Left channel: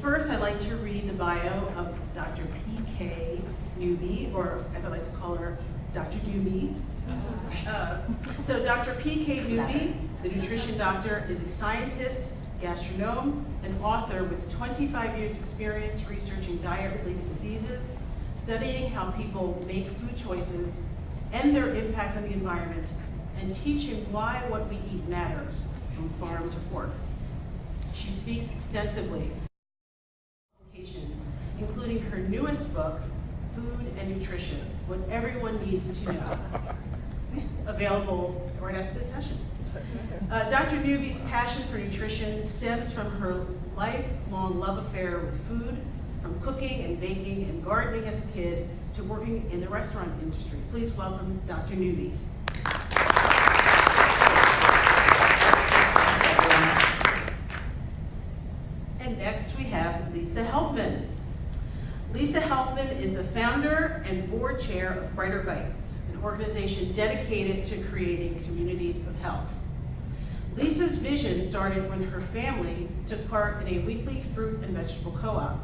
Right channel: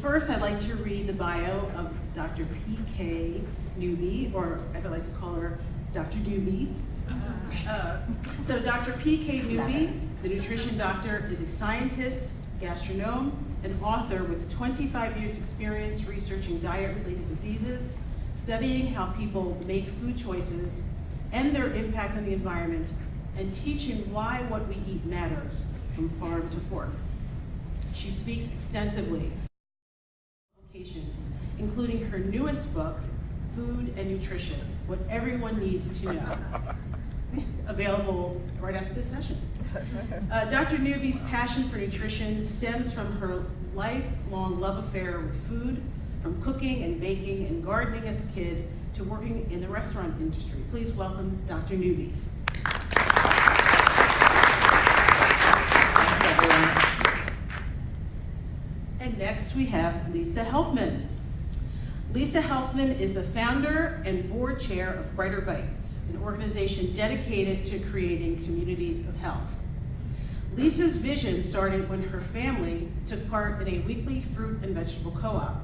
First, I'd like to read the bio of Dr. P.K. Newby, or as I like to call her, Dr. Newby. So Dr. P.K. Newby, the nutrition doctor, is a scientist, gastronome, and author with 25 years experience researching diet-related diseases, studying how people make food choices and their impact on the environment, and teaching why what we eat matters from farm to fork. She speaks extensively, publications, including her newest book, Food and Nutrition, What Everyone Needs to Know, available right after this session. Dr. Newby's passion for nutrition stems from her lifelong love affair with food, from cooking and baking and gardening as a kid to working in the restaurant industry. Please welcome Dr. Newby. And next we have Lisa Helfman. Lisa Helfman is the founder and board chair of Brighter Bites, an organization dedicated to creating communities of health. Lisa's vision started when her family took part in a weekly fruit and vegetable co-op,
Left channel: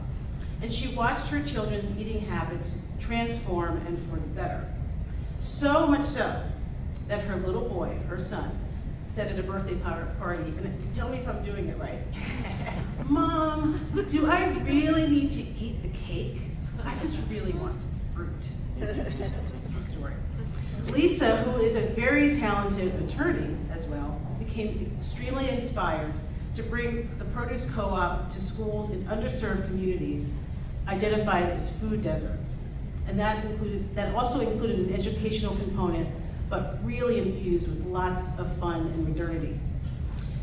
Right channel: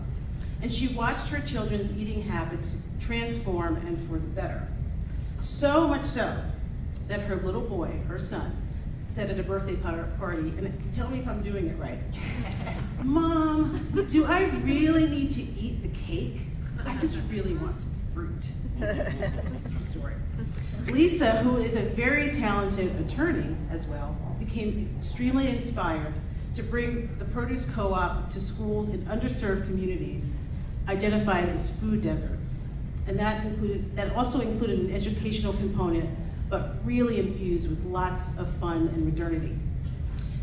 and she watched her children's eating habits transform and for the better. So much so that her little boy, her son, said at a birthday party, and tell me if I'm doing it right, "Mom, do I really need to eat the cake? I just really want some fruit." True story. Lisa, who is a very talented attorney as well, became extremely inspired to bring the produce co-op to schools in underserved communities identified as food deserts. And that also included an educational component, but really infused with lots of fun and modernity.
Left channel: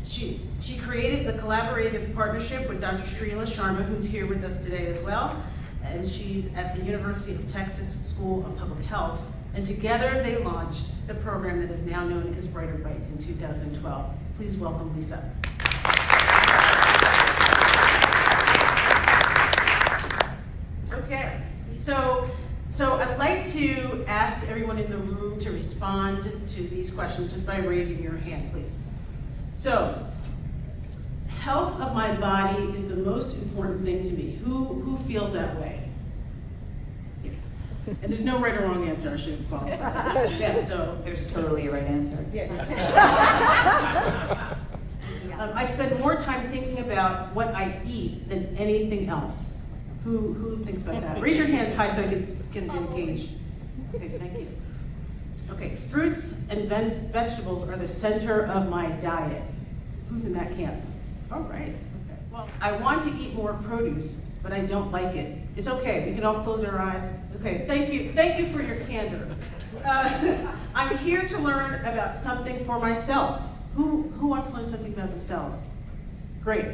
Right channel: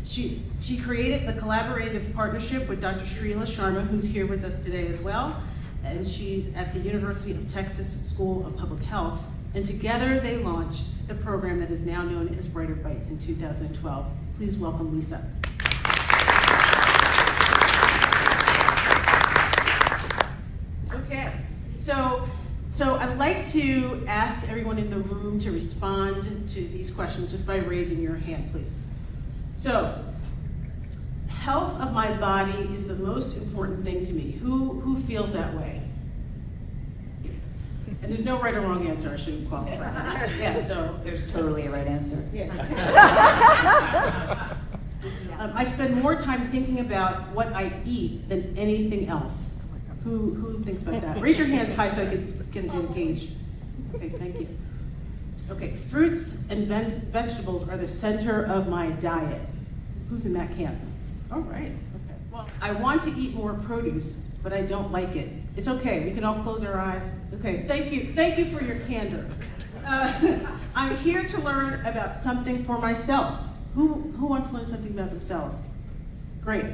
She created the collaborative partnership with Dr. Srila Sharma, who's here with us today as well, and she's at the University of Texas School of Public Health, and together they launched the program that is now known as Brighter Bites in 2012. Please welcome Lisa. Okay, so I'd like to ask everyone in the room to respond to these questions just by raising your hand, please. So, health of my body is the most important thing to me. Who feels that way? And there's no right or wrong answer, I shouldn't follow that. Yeah, so there's totally a right answer. Yeah. I spend more time thinking about what I eat than anything else. Who thinks about that? Raise your hands high so I can engage. Okay, thank you. Okay, fruits and vegetables are the center of my diet. Who's in that camp? All right. Well, I want to eat more produce, but I don't like it. It's okay, we can all close our eyes. Okay, thank you for your candor. I'm here to learn about something for myself. Who wants to learn something about themselves? Great,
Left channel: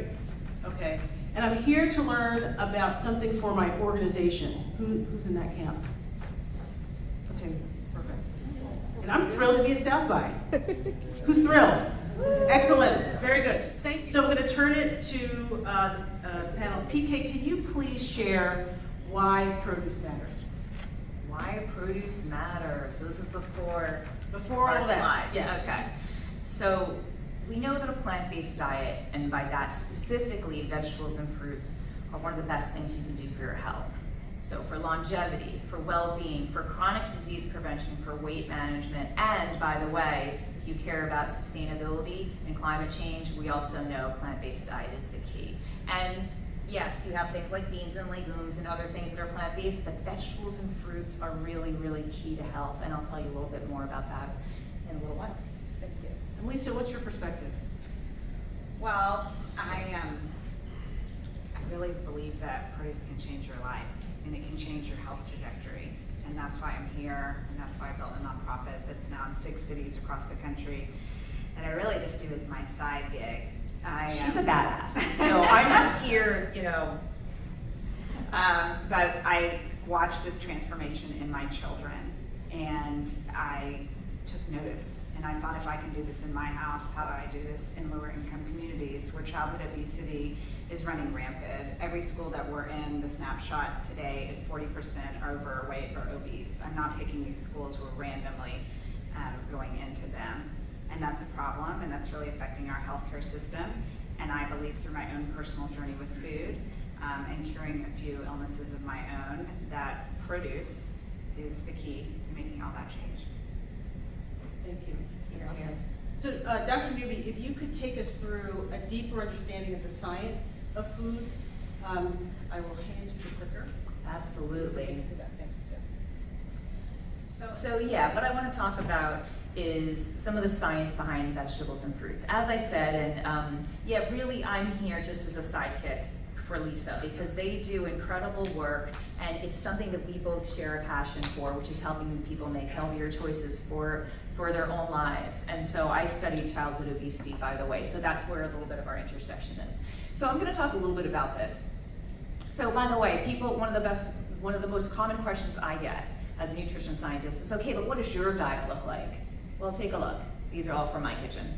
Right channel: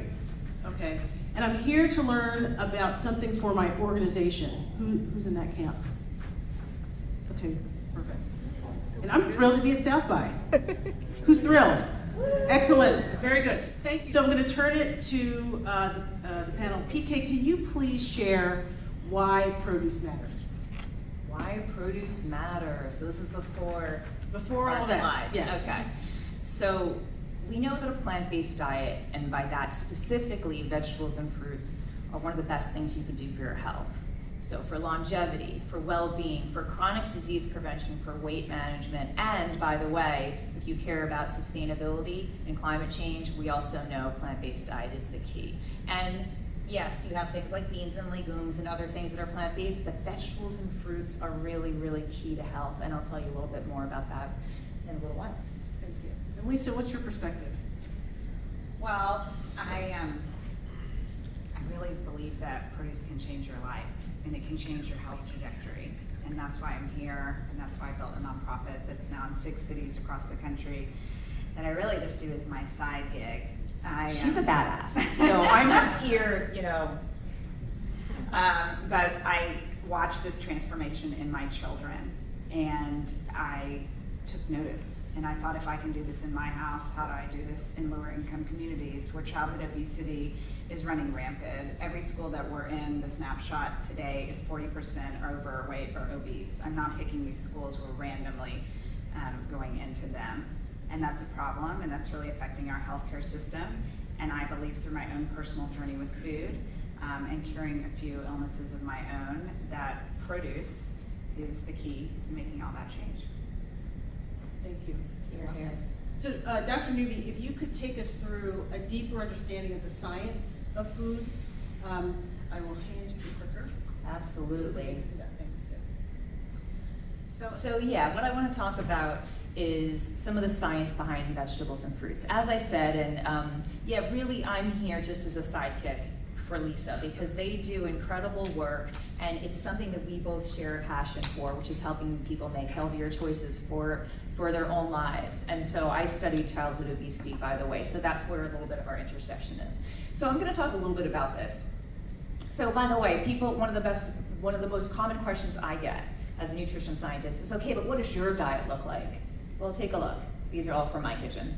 okay. And I'm here to learn about something for my organization. Who's in that camp? Okay, perfect. And I'm thrilled to be at South by. Who's thrilled? Excellent, very good. Thank you. So I'm going to turn it to the panel. PK, can you please share why produce matters? Why produce matters. So this is before our all slides. Yes. Okay. So we know that a plant-based diet, and by that specifically vegetables and fruits, are one of the best things you can do for your health. So for longevity, for well-being, for chronic disease prevention, for weight management, and by the way, if you care about sustainability and climate change, we also know plant-based diet is the key. And yes, you have things like beans and legumes and other things that are plant-based, but vegetables and fruits are really, really key to health, and I'll tell you a little bit more about that in a little while. Thank you. Lisa, what's your perspective? Well, I really believe that produce can change your life, and it can change your health trajectory, and that's why I'm here, and that's why I built a nonprofit that's now in 6 cities across the country, that I really just do as my side gig. She's a badass. So I'm just here, but I watched this transformation in my children, and I took notice, and I thought, if I can do this in my house, how do I do this in lower income communities where childhood obesity is running rampant? Every school that we're in, the snapshot today, is 40% overweight or obese. I'm not picking these schools randomly. going into them. And that's a problem, and that's really affecting our healthcare system. And I believe through my own personal journey with food and curing a few illnesses of my own, that produce is the key to making all that change. Thank you. So, Dr. Newby, if you could take us through a deeper understanding of the science of food, I will hand you the clicker. Absolutely. So yeah, what I want to talk about is some of the science behind vegetables and fruits. As I said, and yeah, really I'm here just as a sidekick for Lisa, because they do incredible work, and it's something that we both share a passion for, which is helping people make healthier choices for their own lives. And so I studied childhood obesity, by the way, so that's where a little bit of our intersection is. So I'm going to talk a little bit about this. So by the way, people, one of the most common questions I get as a nutrition scientist is, okay, but what does your diet look like? Well, take a look. These are all from my kitchen.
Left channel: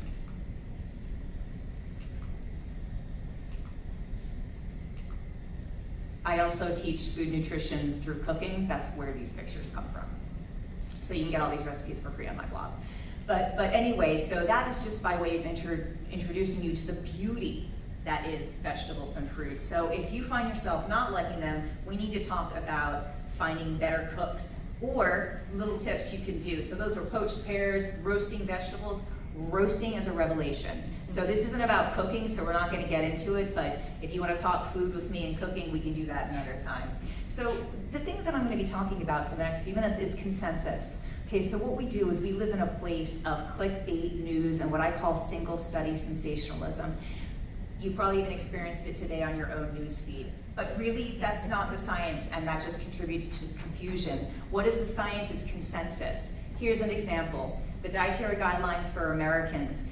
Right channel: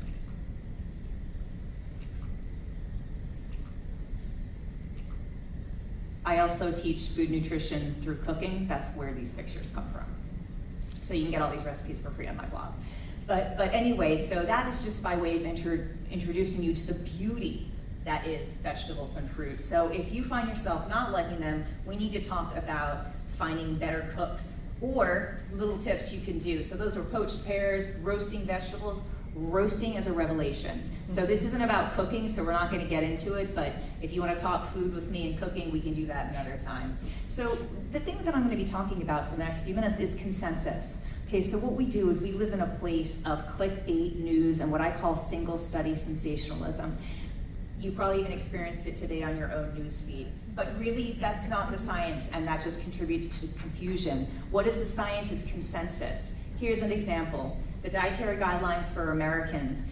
I also teach food nutrition through cooking. That's where these pictures come from. So you can get all these recipes for free on my blog. But anyway, so that is just by way of introducing you to the beauty that is vegetables and fruits. So if you find yourself not liking them, we need to talk about finding better cooks or little tips you can do. So those are poached pears, roasting vegetables. Roasting is a revelation. So this isn't about cooking, so we're not going to get into it, but if you want to talk food with me and cooking, we can do that another time. So the thing that I'm going to be talking about for the next few minutes is consensus. Okay, so what we do is we live in a place of clickbait news and what I call single study sensationalism. You probably even experienced it today on your own news feed. But really, that's not the science, and that just contributes to confusion. What is the science is consensus. Here's an example. The dietary guidelines for Americans,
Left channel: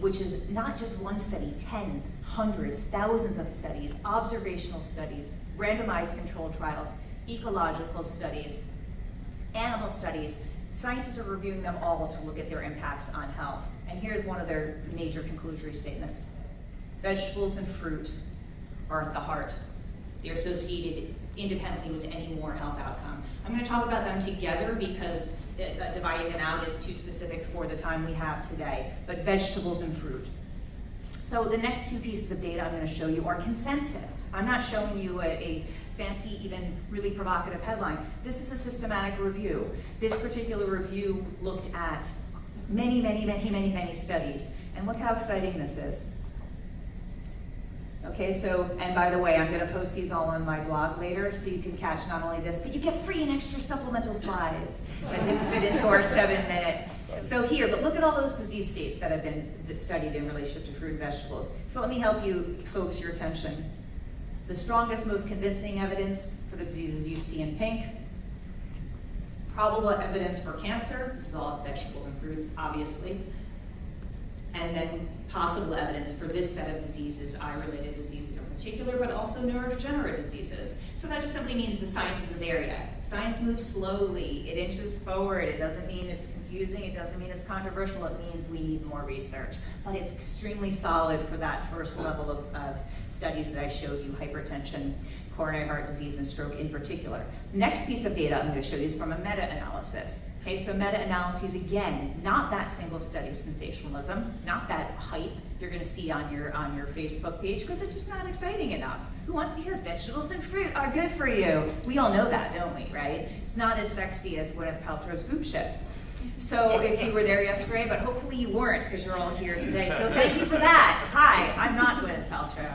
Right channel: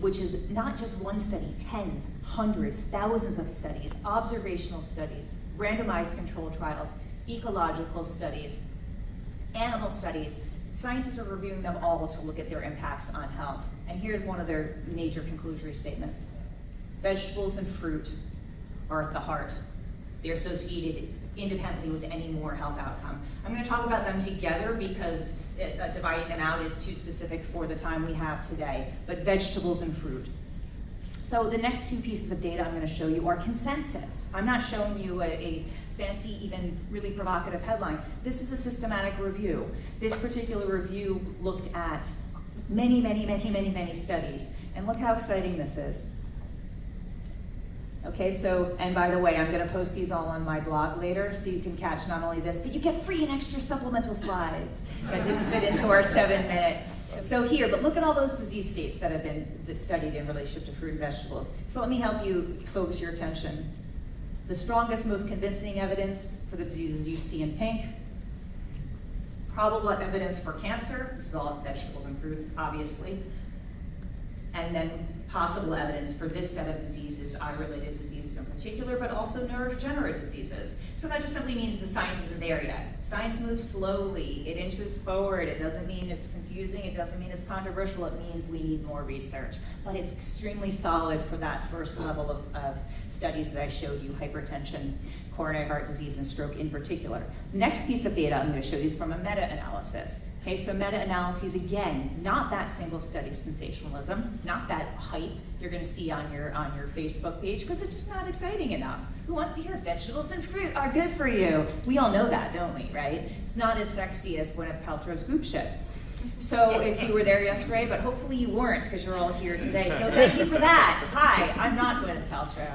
which is not just one study, tens, hundreds, thousands of studies, observational studies, randomized controlled trials, ecological studies, animal studies. Scientists are reviewing them all to look at their impacts on health. And here's one of their major conclusory statements. Vegetables and fruit are at the heart. They're associated independently with any more health outcome. I'm going to talk about them together because dividing them out is too specific for the time we have today, but vegetables and fruit. So the next two pieces of data I'm going to show you are consensus. I'm not showing you a fancy, even really provocative headline. This is a systematic review. This particular review looked at many studies, and look how exciting this is. Okay, so, and by the way, I'm going to post these all on my blog later so you can catch not only this, but you get free and extra supplemental slides that didn't fit into our 7 minutes. So here, but look at all those disease states that have been studied in relationship to fruit and vegetables. So let me help you focus your attention. The strongest, most convincing evidence for the diseases you see in pink. Probable evidence for cancer. This is all vegetables and fruits, obviously. And then possible evidence for this set of diseases, eye-related diseases in particular, but also neurodegenerative diseases. So that just simply means the science isn't there yet. Science moves slowly, it inches forward, it doesn't mean it's confusing, it doesn't mean it's controversial, it means we need more research. But it's extremely solid for that first level of studies that I showed you, hypertension, coronary heart disease, and stroke in particular. Next piece of data I'm going to show you is from a meta-analysis. Okay, so meta-analyses, again, not that single study sensationalism, not that hype you're going to see on your Facebook page, because it's just not exciting enough. Who wants to hear vegetables and fruit are good for you? We all know that, don't we, right? It's not as sexy as Gwyneth Paltrow's group ship. So if you were there yesterday, but hopefully you weren't, because you're all here today. So thank you for that. Hi, I'm not Gwyneth Paltrow.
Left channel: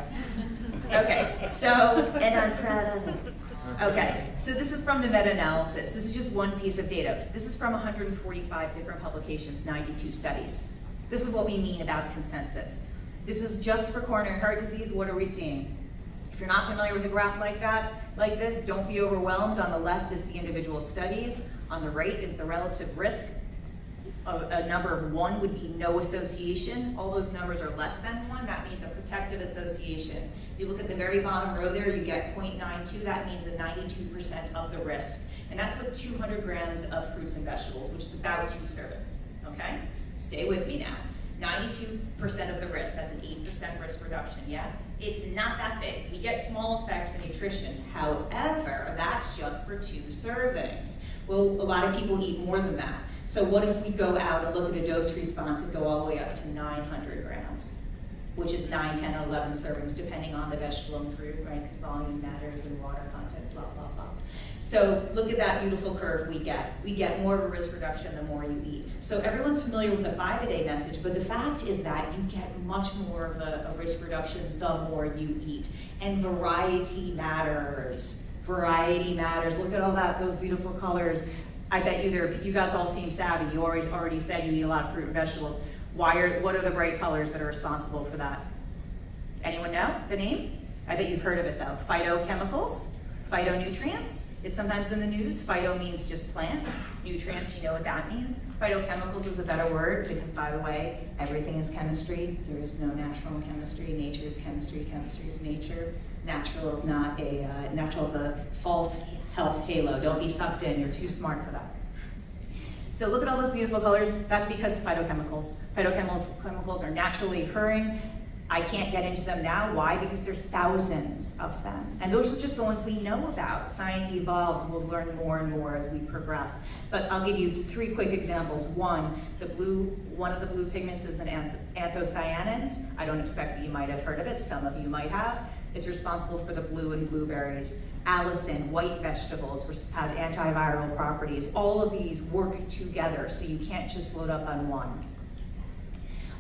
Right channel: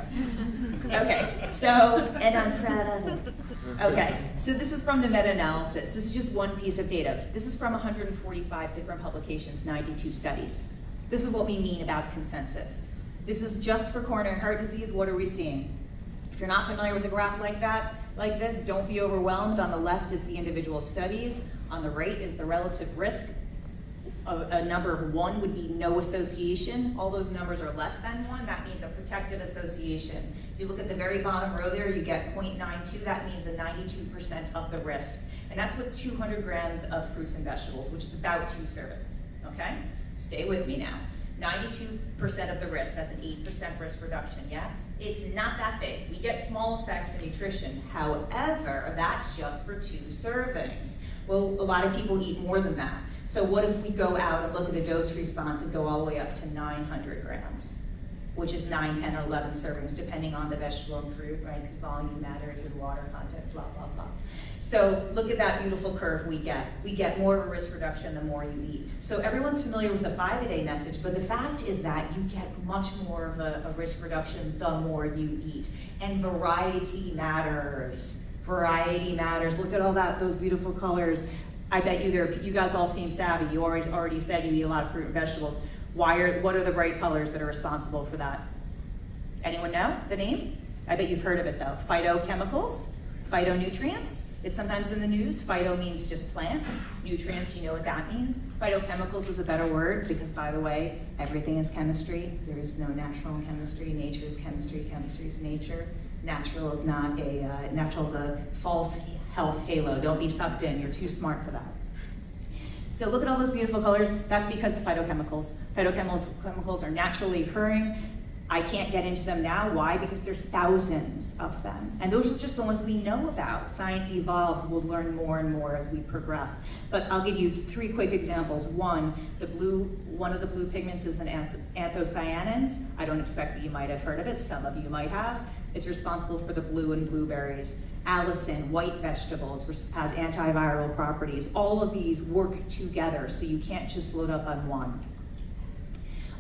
Okay, so, and I'm Fred. Okay, so this is from the meta-analysis. This is just one piece of data. This is from 145 different publications, 92 studies. This is what we mean about consensus. This is just for coronary heart disease. What are we seeing? If you're not familiar with a graph like this, don't be overwhelmed. On the left is the individual studies. On the right is the relative risk. A number of 1 would be no association. All those numbers are less than 1. That means a protected association. You look at the very bottom row there, you get 0.92. That means a 92% of the risk. And that's with 200 grams of fruits and vegetables, which is about 2 servings, okay? Stay with me now. 92% of the risk, that's an 8% risk reduction, yeah? It's not that big. We get small effects in nutrition. However, that's just for 2 servings. Well, a lot of people eat more than that. So what if we go out and look at a dose response and go all the way up to 900 grams, which is 9, 10, or 11 servings, depending on the vegetable and fruit, right? Because volume matters and water content, blah, blah, blah. So look at that beautiful curve we get. We get more of a risk reduction the more you eat. So everyone's familiar with the 5-a-day message, but the fact is that you get much more of a risk reduction the more you eat. And variety matters. Variety matters. Look at all those beautiful colors. I bet you guys all seem savvy. You already said you eat a lot of fruit and vegetables. What are the bright colors that are responsible for that? Anyone know the name? I bet you've heard of it though. Phytochemicals, phytonutrients. It's sometimes in the news. Phyto means just plant. Nutrients, you know what that means. Phytochemicals is a better word because, by the way, everything is chemistry. There is no natural chemistry. Nature is chemistry. Chemistry is nature. Natural is a false health halo. Don't be sucked in. You're too smart for that. So look at all those beautiful colors. That's because of phytochemicals. Phytochemicals are naturally occurring. I can't get into them now. Why? Because there's thousands of them. And those are just the ones we know about. Science evolves. We'll learn more and more as we progress. But I'll give you 3 quick examples. One of the blue pigments is an anthocyanins. I don't expect that you might have heard of it. Some of you might have. It's responsible for the blue in blueberries. Allicin, white vegetables, has antiviral properties. All of these work together, so you can't just load up on one.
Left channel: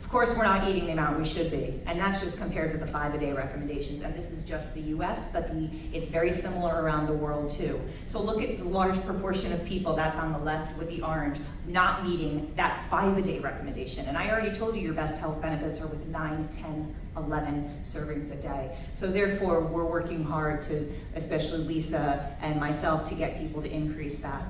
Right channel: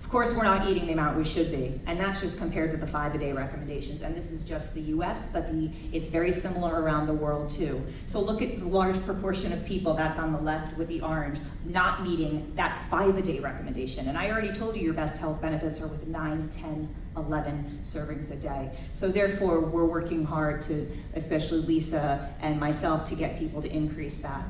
Of course, we're not eating the amount we should be, and that's just compared to the 5-a-day recommendations. And this is just the US, but it's very similar around the world too. So look at the large proportion of people, that's on the left with the orange, not meeting that 5-a-day recommendation. And I already told you your best health benefits are with 9, 10, 11 servings a day. So therefore, we're working hard to, especially Lisa and myself, to get people to increase that.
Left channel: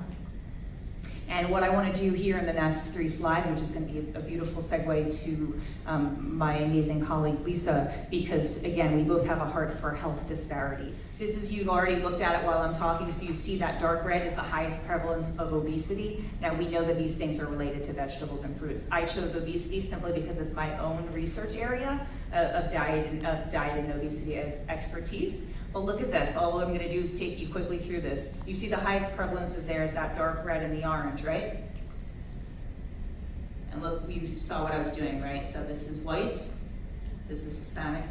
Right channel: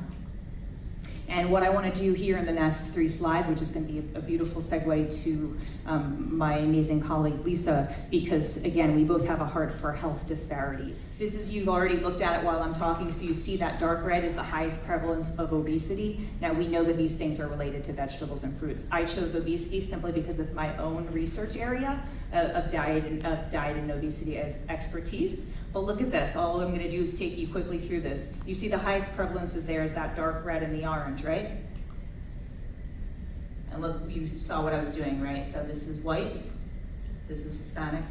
And what I want to do here in the next 3 slides, which is going to be a beautiful segue to my amazing colleague Lisa, because again, we both have a heart for health disparities. This is, you've already looked at it while I'm talking, so you see that dark red is the highest prevalence of obesity. Now we know that these things are related to vegetables and fruits. I chose obesity simply because it's my own research area of diet and obesity as expertise. But look at this, all I'm gonna do is take you quickly through this. You see the highest prevalence is there is that dark red and the orange, right? And look, you saw what I was doing, right? So this is whites, this is Hispanic,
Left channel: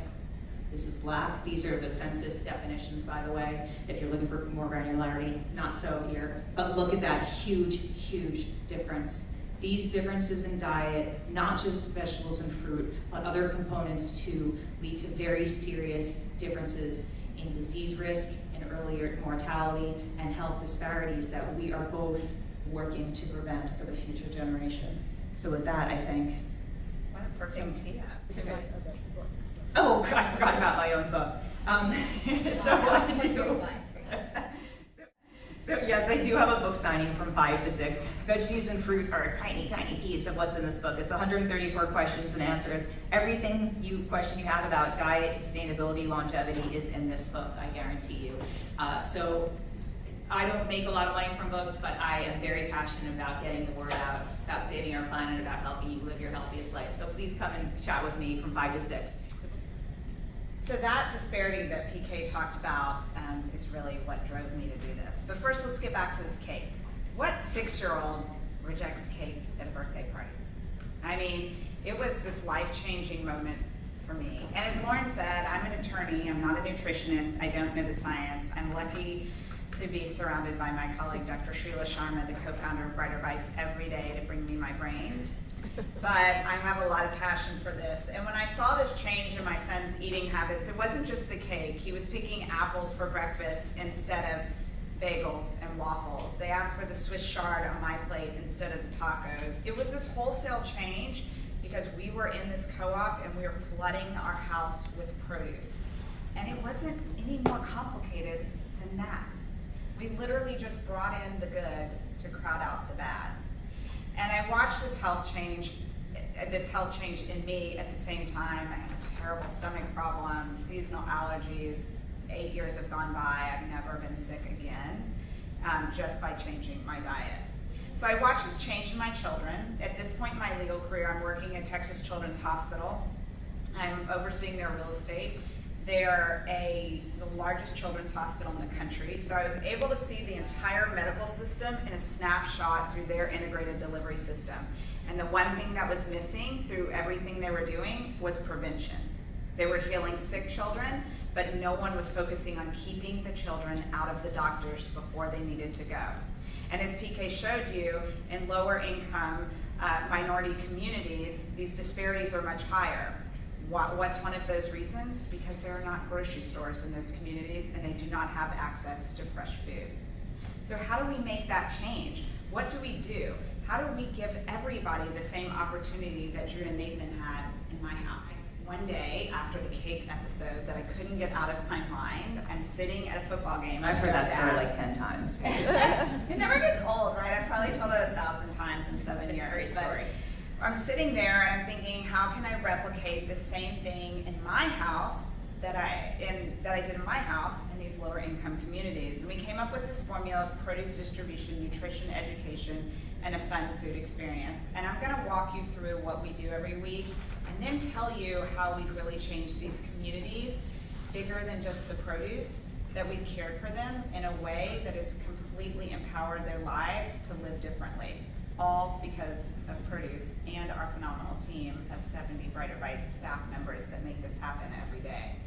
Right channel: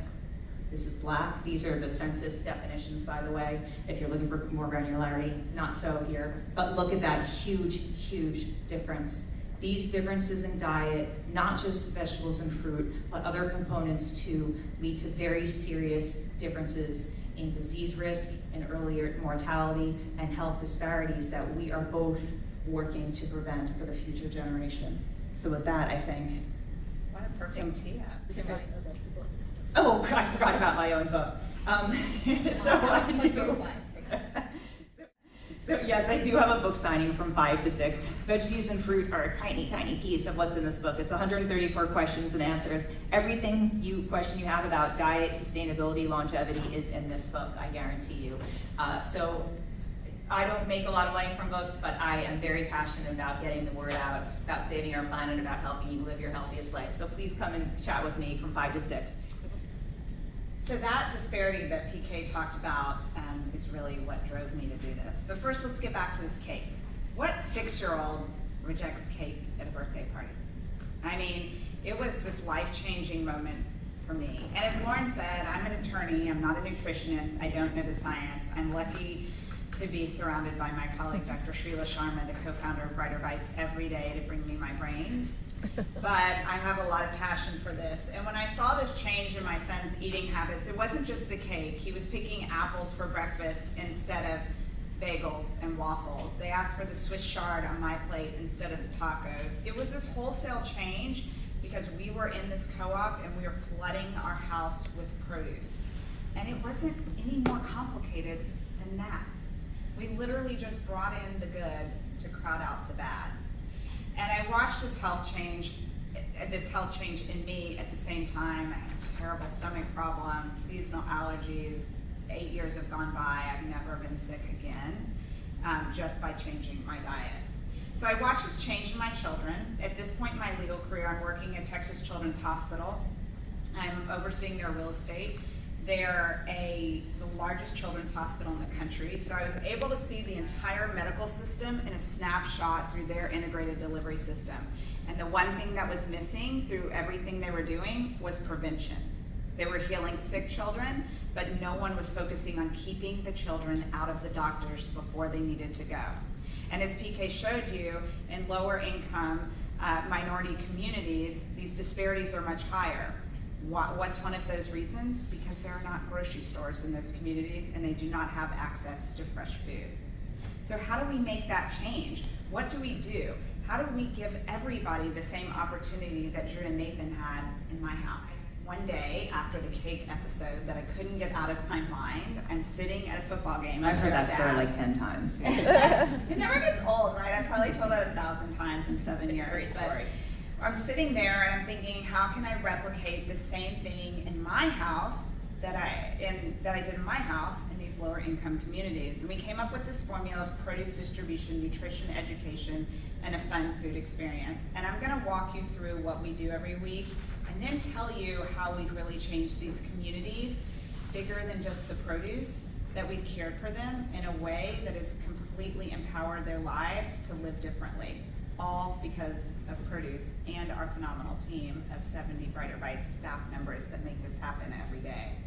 this is black. These are the census definitions, by the way, if you're looking for more granularity. Not so here, but look at that huge, huge difference. These differences in diet, not just vegetables and fruit, but other components too, lead to very serious differences in disease risk, in earlier mortality, and health disparities that we are both working to prevent for the future generation. So with that, I think. What a perfect tee up. Oh, I forgot about my own book. So I do. So yes, I do have a book signing from 5 to 6. Veggies and fruit are a tiny, tiny piece of what's in this book. It's 134 questions and answers. Everything question you have about diet, sustainability, longevity is in this book, I guarantee you. So I don't make a lot of money from books, but I am very passionate about getting the word out, about saving our planet, about helping you live your healthiest life. So please come and chat with me from 5 to 6. So that disparity that PK talked about is really what drove me to do this. But first, let's get back to this cake. What 6-year-old rejects cake at a birthday party? I mean, it was this life-changing moment for me. And as Lauren said, I'm an attorney, I'm not a nutritionist, I don't know the science. I'm lucky to be surrounded by my colleague, Dr. Sheila Sharma, the co-founder of Brighter Bites, every day to bring me my brains. But I have a lot of passion for this. And when I saw this change in my son's eating habits, it wasn't just the cake. He was picking apples for breakfast instead of bagels and waffles. They asked for the Swiss chard on my plate instead of the tacos. It was this wholesale change because we were in this co-op and we were flooding our house with produce. And it wasn't any more complicated than that. We literally just brought in the good to crowd out the bad. And I watched this health change in me at the same time. I had terrible stomach problems, seasonal allergies. 8 years have gone by. I've never been sick again, just by changing my diet. So I watched this change in my children. At this point in my legal career, I'm working at Texas Children's Hospital. I'm overseeing their real estate. They're the largest children's hospital in the country. So I was able to see the entire medical system in a snapshot through their integrated delivery system. And the one thing that was missing through everything they were doing was prevention. They were healing sick children, but no one was focusing on keeping the children out of the doctors before they needed to go. And as PK showed you, in lower income minority communities, these disparities are much higher. What's one of those reasons? Because there are not grocery stores in those communities and they do not have access to fresh food. So how do we make that change? What do we do? How do we give everybody the same opportunity that June and Nathan had in my house? One day after the cake episode that I couldn't get out of my mind, I'm sitting at a football game. I've heard that story like 10 times. It never gets old, right? I've probably told it 1,000 times in 7 years. It's a great story. I'm sitting there and I'm thinking, how can I replicate the same thing in my house that I did in my house in these lower income communities? And we came up with this formula of produce distribution, nutrition education, and a fun food experience. And I'm going to walk you through what we do every week and then tell you how we've really changed these communities bigger than just the produce, that we've cared for them in a way that has completely empowered their lives to live differently. All because of produce and our phenomenal team of 70 Brighter Bites staff members that make this happen every day.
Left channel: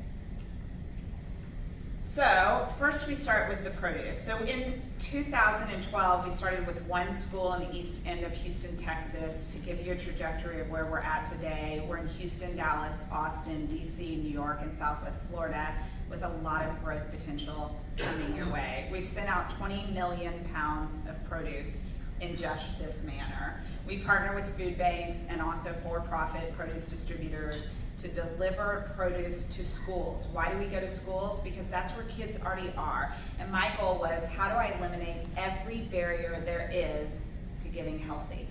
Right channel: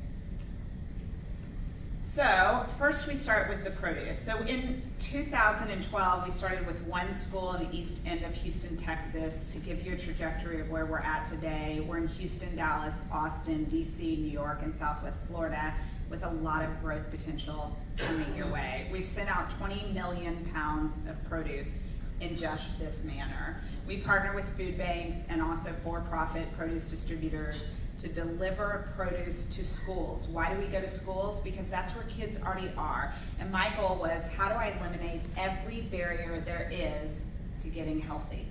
So first we start with the produce. So in 2012, we started with one school in the east end of Houston, Texas, to give you a trajectory of where we're at today. We're in Houston, Dallas, Austin, DC, New York, and Southwest Florida with a lot of growth potential coming your way. We've sent out 20 million pounds of produce in just this manner. We partner with food banks and also for-profit produce distributors to deliver produce to schools. Why do we go to schools? Because that's where kids already are. And my goal was, how do I eliminate every barrier there is to getting healthy?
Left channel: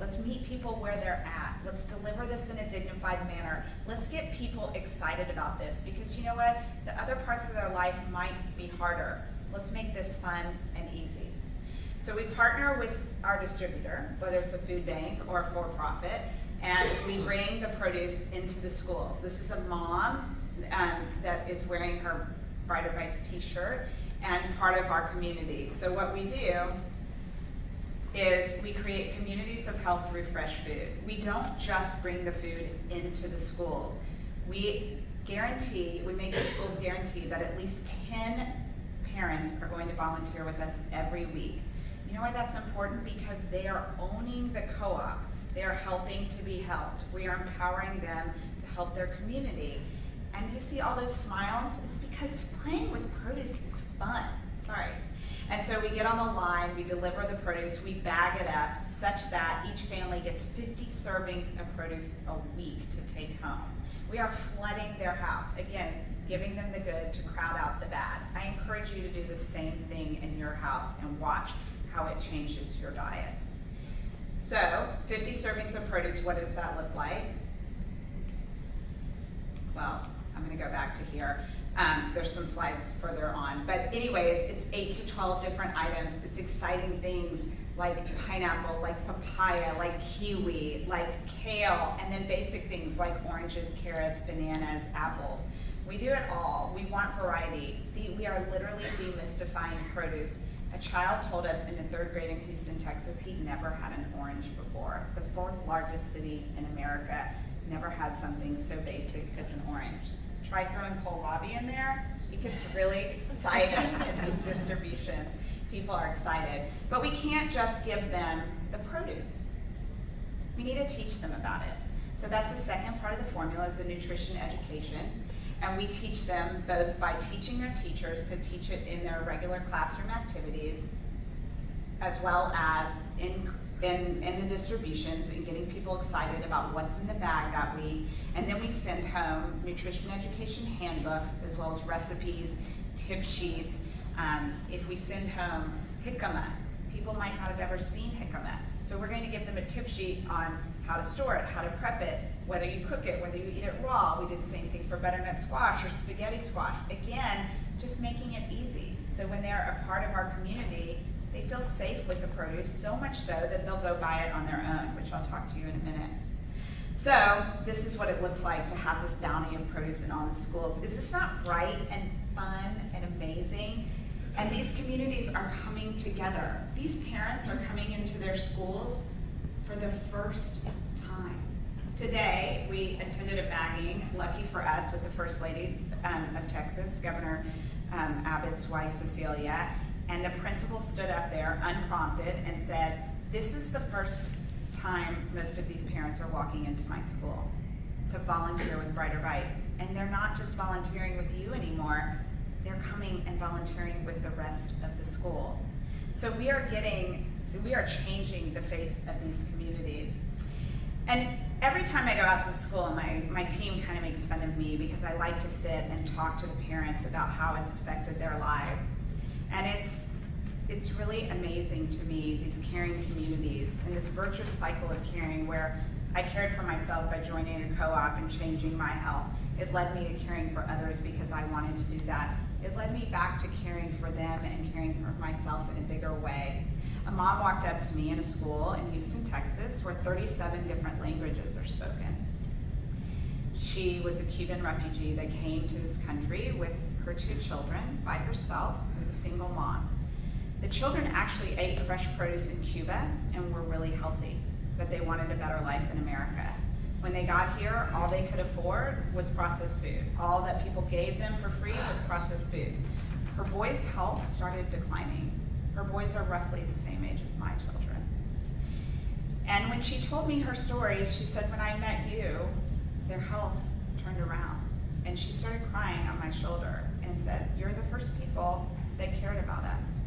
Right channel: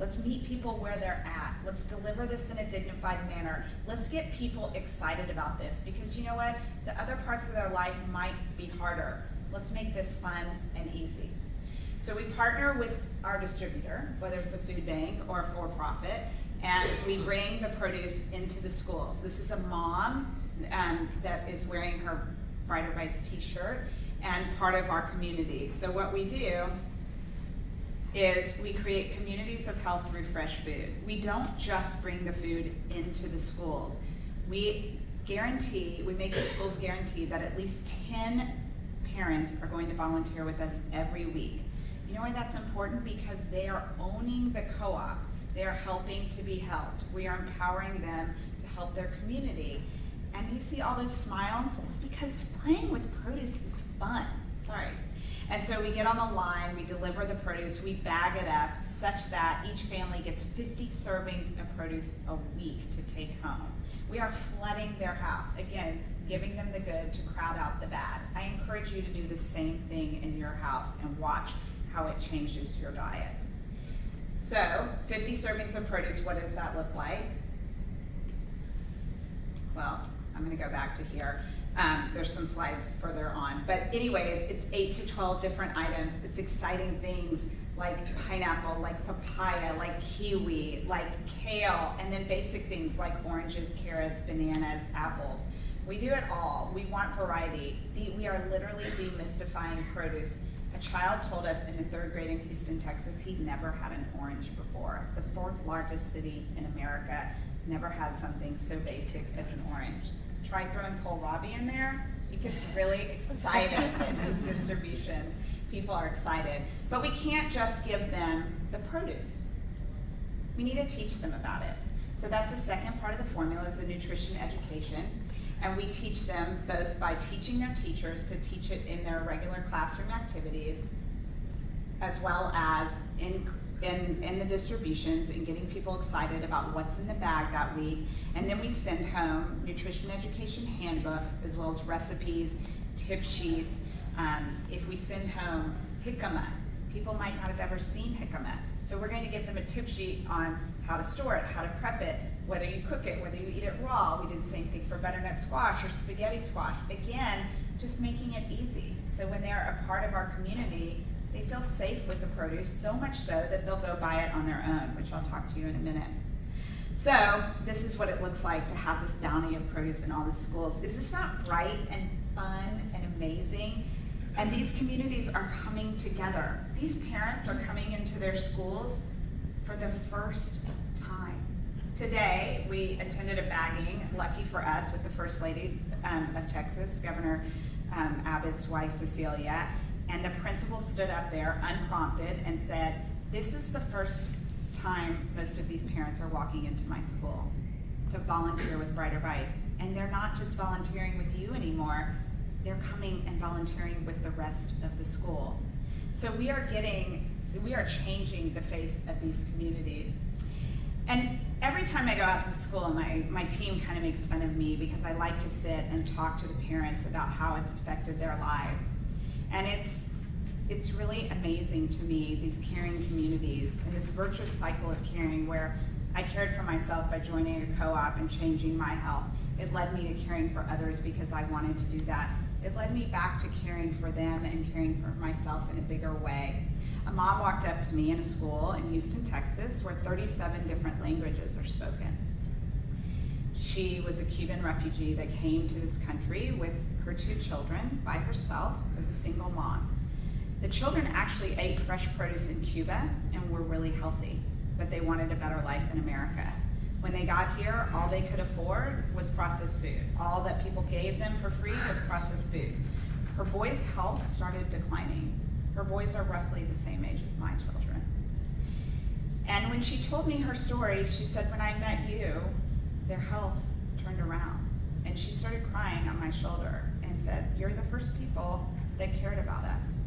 Let's meet people where they're at. Let's deliver this in a dignified manner. Let's get people excited about this, because you know what? The other parts of their life might be harder. Let's make this fun and easy. So we partner with our distributor, whether it's a food bank or a for-profit, and we bring the produce into the schools. This is a mom that is wearing her Brighter Bites t-shirt and part of our community. So what we do is we create communities of health through fresh food. We don't just bring the food into the schools. We make the schools guarantee that at least 10 parents are going to volunteer with us every week. You know why that's important? Because they are owning the co-op. They are helping to be helped. We are empowering them to help their community. And you see all those smiles? It's because playing with produce is fun. Sorry. And so we get on the line, we deliver the produce, we bag it up such that each family gets 50 servings of produce a week to take home. We are flooding their house. Again, giving them the good to crowd out the bad. I encourage you to do the same thing in your house and watch how it changes your diet. So, 50 servings of produce, what does that look like? Well, I'm gonna go back to here. There's some slides further on. But anyways, it's 8 to 12 different items. It's exciting things like pineapple, like papaya, like kiwi, like kale, and then basic things like oranges, carrots, bananas, apples. We do it all. We want variety. We are literally demystifying produce. A child told us in the 3rd grade in Houston, Texas, he'd never had an orange before. The 4th largest city in America never had something so basic as an orange. Try throwing kohlrabi in there. It gets really exciting in these distributions. People are excited. But we can't just give them the produce. We need to teach them about it. So that's the second part of the formula, is the nutrition education. And we teach them both by teaching their teachers to teach it in their regular classroom activities, as well as in the distributions and getting people excited about what's in the bag that week. And then we send home nutrition education handbooks, as well as recipes, tip sheets. If we send home jicama, people might not have ever seen jicama. So we're going to give them a tip sheet on how to store it, how to prep it, whether you cook it, whether you eat it raw. We did the same thing for butternut squash or spaghetti squash. Again, just making it easy. So when they're a part of our community, They feel safe with the produce, so much so that they'll go buy it on their own, which I'll talk to you in a minute. So this is what it looks like to have this bounty of produce in all the schools. Is this not bright and fun and amazing? And these communities are coming together. These parents are coming into their schools for the first time. Today, we attended a bagging, lucky for us, with the First Lady of Texas, Governor Abbott's wife, Cecilia, and the principal stood up there unprompted and said, this is the first time most of these parents are walking into my school to volunteer with Brighter Bites. And they're not just volunteering with you anymore, they're coming and volunteering with the rest of the school. So we are changing the face of these communities. And every time I go out to the school, my team kind of makes fun of me because I like to sit and talk to the parents about how it's affected their lives. And it's really amazing to me, these caring communities and this virtuous cycle of caring where I cared for myself by joining a co-op and changing my health. It led me to caring for others because I wanted to do that. It led me back to caring for them and caring for myself in a bigger way. A mom walked up to me in a school in Houston, Texas, where 37 different languages are spoken. She was a Cuban refugee that came to this country with her 2 children by herself as a single mom. The children actually ate fresh produce in Cuba and were really healthy, but they wanted a better life in America. When they got here, all they could afford was processed food. All that people gave them for free was processed food. Her boys' health started declining. Her boys are roughly the same age as my children. And when she told me her story, she said, when I met you, their health turned around. And she started crying on my shoulder and said, you're the first people that cared about us.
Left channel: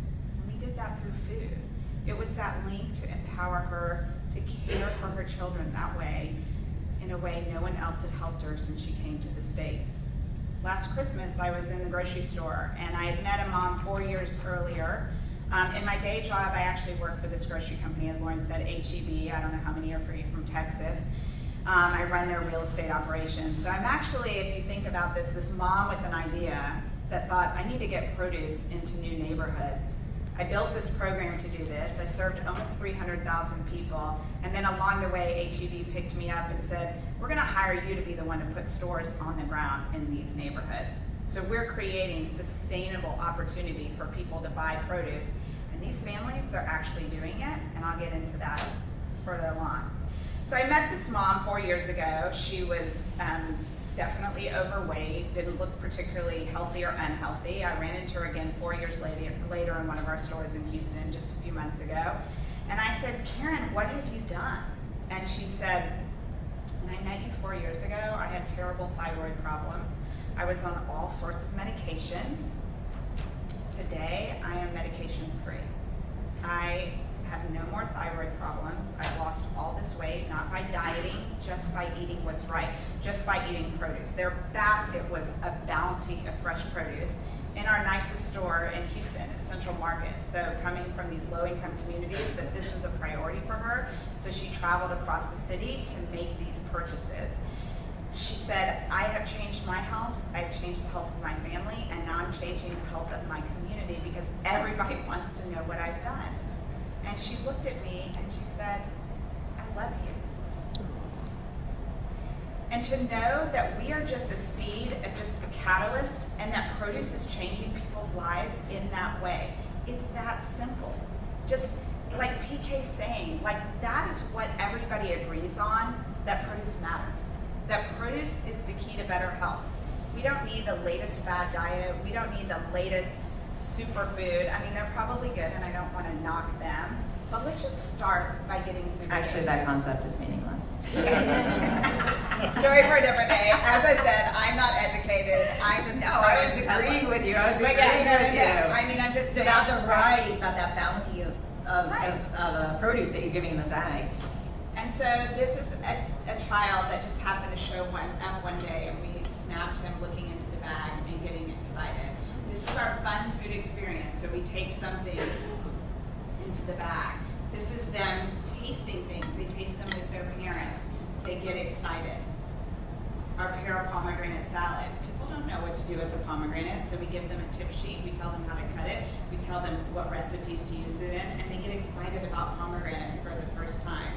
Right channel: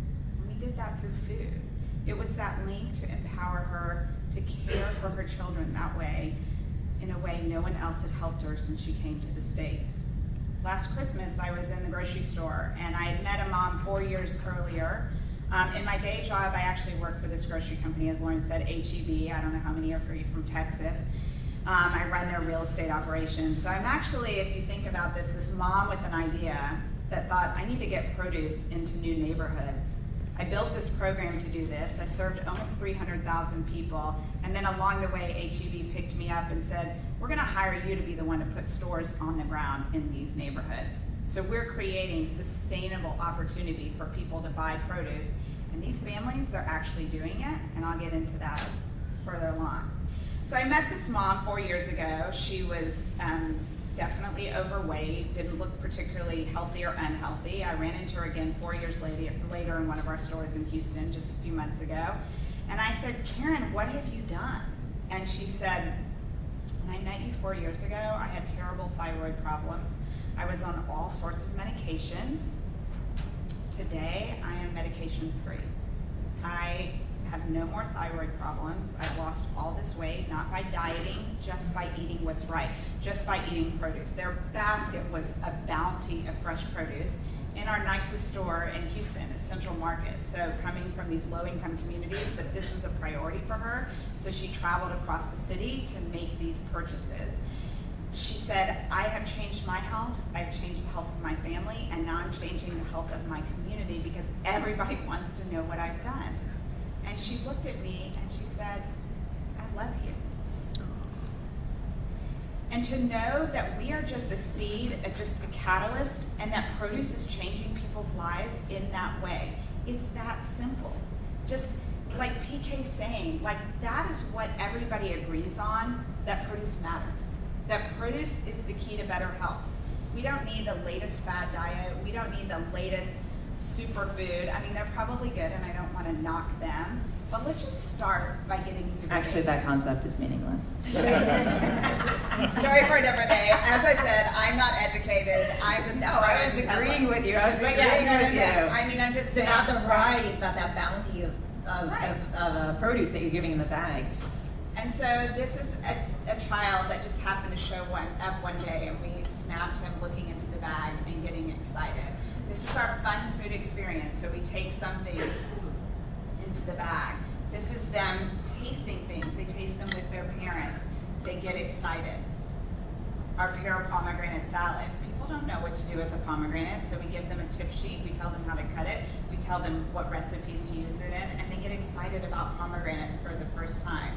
And we did that through food. It was that link to empower her to care for her children that way, in a way no one else had helped her since she came to the States. Last Christmas, I was in the grocery store, and I had met a mom 4 years earlier. In my day job, I actually work for this grocery company, as Lauren said, HEB. I don't know how many are from Texas. I run their real estate operations. So I'm actually, if you think about this mom with an idea that thought, I need to get produce into new neighborhoods. I built this program to do this. I served almost 300,000 people. And then along the way, HEB picked me up and said, we're gonna hire you to be the one to put stores on the ground in these neighborhoods. So we're creating sustainable opportunity for people to buy produce. And these families, they're actually doing it, and I'll get into that further along. So I met this mom 4 years ago. She was definitely overweight, didn't look particularly healthy or unhealthy. I ran into her again 4 years later in one of our stores in Houston just a few months ago. And I said, Karen, what have you done? And she said, when I met you 4 years ago, I had terrible thyroid problems. I was on all sorts of medications. Today, I am medication free. I have no more thyroid problems. I've lost all this weight, not by dieting, just by eating what's right, just by eating produce. Their basket was a bounty of fresh produce in our nicest store in Houston at Central Market. So coming from these low-income communities, but this was a priority for her, so she traveled across the city to make these purchases. She said, I have changed my health, I've changed the health of my family, and now I'm changing the health of my community because everybody wants to know what I've done. And she looked at me and she said, I love you. And to know that we are just a seed, just a catalyst, and that produce is changing people's lives in that way. It's that simple. Just like PK's saying, like that is what everybody agrees on, that produce matters. That produce is the key to better health. We don't need the latest fad diet. We don't need the latest superfood. I mean, they're probably good and I don't want to knock them, but let's just start by getting through the Actually, that concept is meaningless. Story for a different day. As I said, I'm not educated. I'm just I was agreeing with you. I was But agreeing yeah, with you. I mean, I'm just It's saying. about the variety. It's about that bounty Right. of produce that you're giving in the bag. And so this is a child that just happened to show up one day, and we snapped him looking into the bag and getting excited. This is our fun food experience. So we take something into the bag. This is them tasting things. They taste them with their parents. They get excited. Our pear pomegranate salad. People don't know what to do with a pomegranate, so we give them a tip sheet. We tell them how to cut it. We We tell them what recipes to use it in, and they get excited about pomegranates for the first time.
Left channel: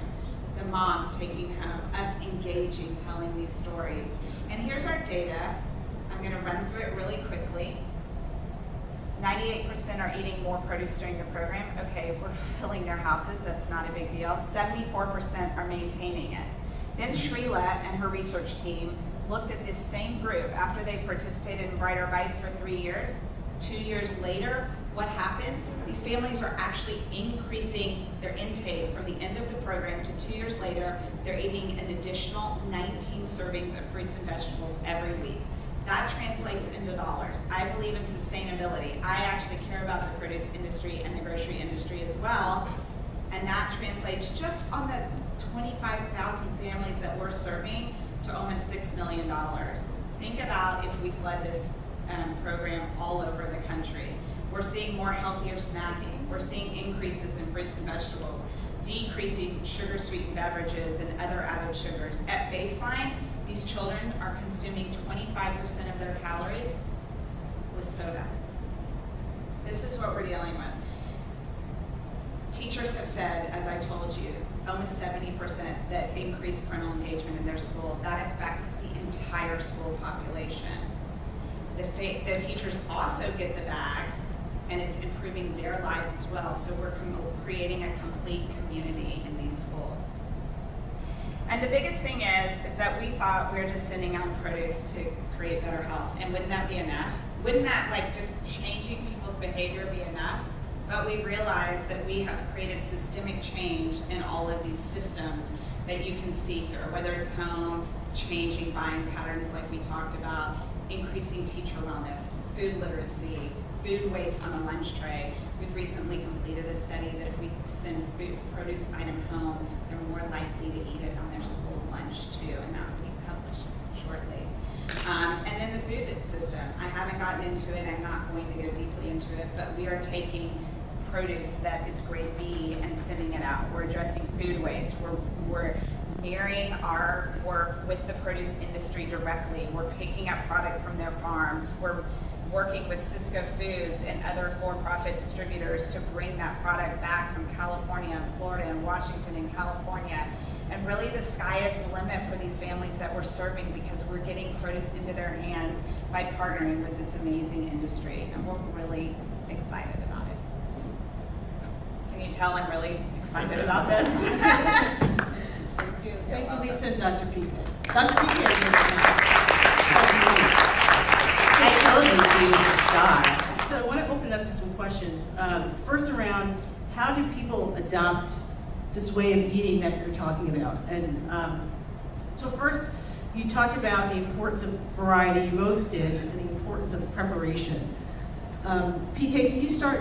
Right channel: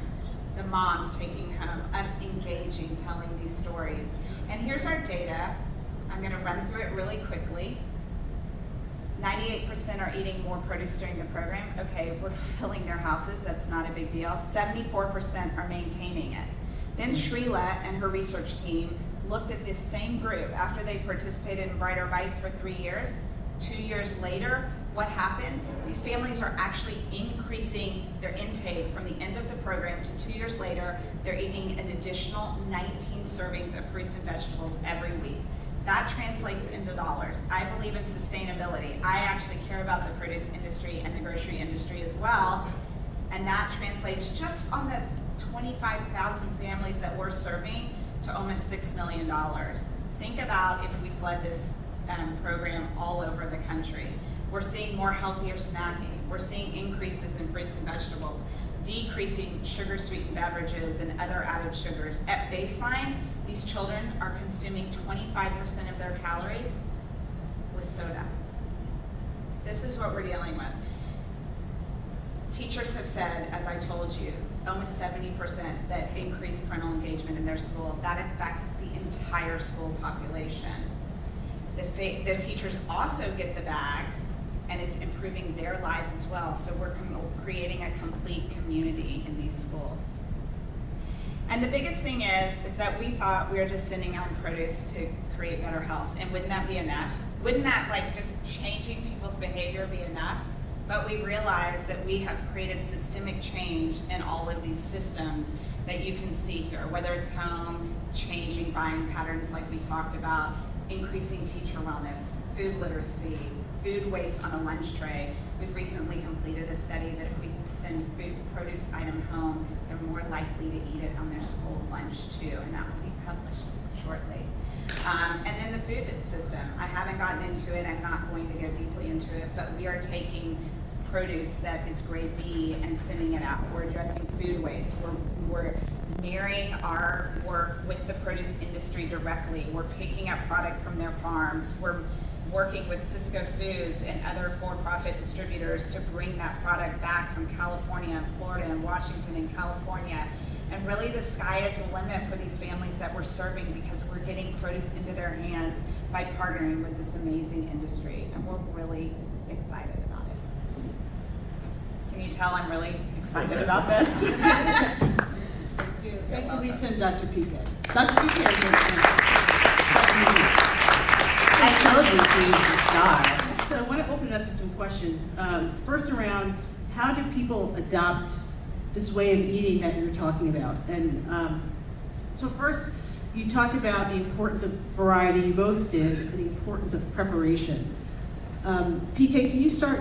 The moms taking us engaging, telling these stories. And here's our data. I'm going to run through it really quickly. 98% are eating more produce during the program. Okay, we're filling their houses, that's not a big deal. 74% are maintaining it. Then Shrila and her research team looked at this same group after they participated in Brighter Bites for 3 years. 2 years later, what happened? These families are actually increasing their intake from the end of the program to 2 years later. They're eating an additional 19 servings of fruits and vegetables every week. That translates into dollars. I believe in sustainability. I actually care about the produce industry and the grocery industry as well. And that translates just on the 25,000 families that we're serving to almost $6 million. Think about if we fled this program all over the country. We're seeing more healthier snacking. We're seeing increases in fruits and vegetables, decreasing sugar-sweetened beverages and other added sugars. At baseline, these children are consuming 25% of their calories with soda. This is what we're dealing with. Teachers have said, as I told you, almost 70% that increased parental engagement in their school. That affects the entire school population. The teachers also get the bags, and it's improving their lives as well. So we're creating a complete community in these schools. And the biggest thing is that we thought we were just sending out produce to create better health. And wouldn't that be enough? Wouldn't that, like, just changing people's behavior be enough? But we realized that we have created systemic change in all of these systems that you can see here, whether it's home, changing buying patterns like we talked about, increasing teacher wellness, food literacy, food waste on a lunch tray. We've recently completed a study that if we send food produce item home, they're more likely to eat it on their school lunch too, and that will be published shortly. And then the food system. I haven't gotten into it, I'm not going to go deeply into it, but we are taking produce that is grade B and sending it out. We're addressing food waste. We're mirroring our work with the produce industry directly. We're picking up product from their farms. We're working with Cisco Foods and other for-profit distributors to bring that product back from California and Florida and Washington and California. And really the sky is the limit for these families that we're serving because we're getting produce into their hands by partnering with this amazing industry. And we're really excited about it. Can you tell I'm really excited about this? Thank you, Lisa and Dr. Pique. Dr. Pique. So I want to open up to some questions. First around, how do people adopt this way of eating that you're talking about? And so first, you talked about the importance of variety, you both did, and the importance of preparation. PK, can you start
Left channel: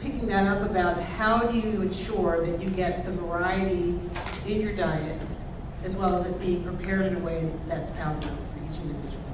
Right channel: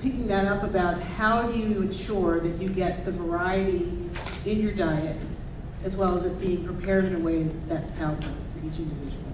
picking that up about how do you ensure that you get the variety in your diet, as well as it being prepared in a way that's palatable for each individual?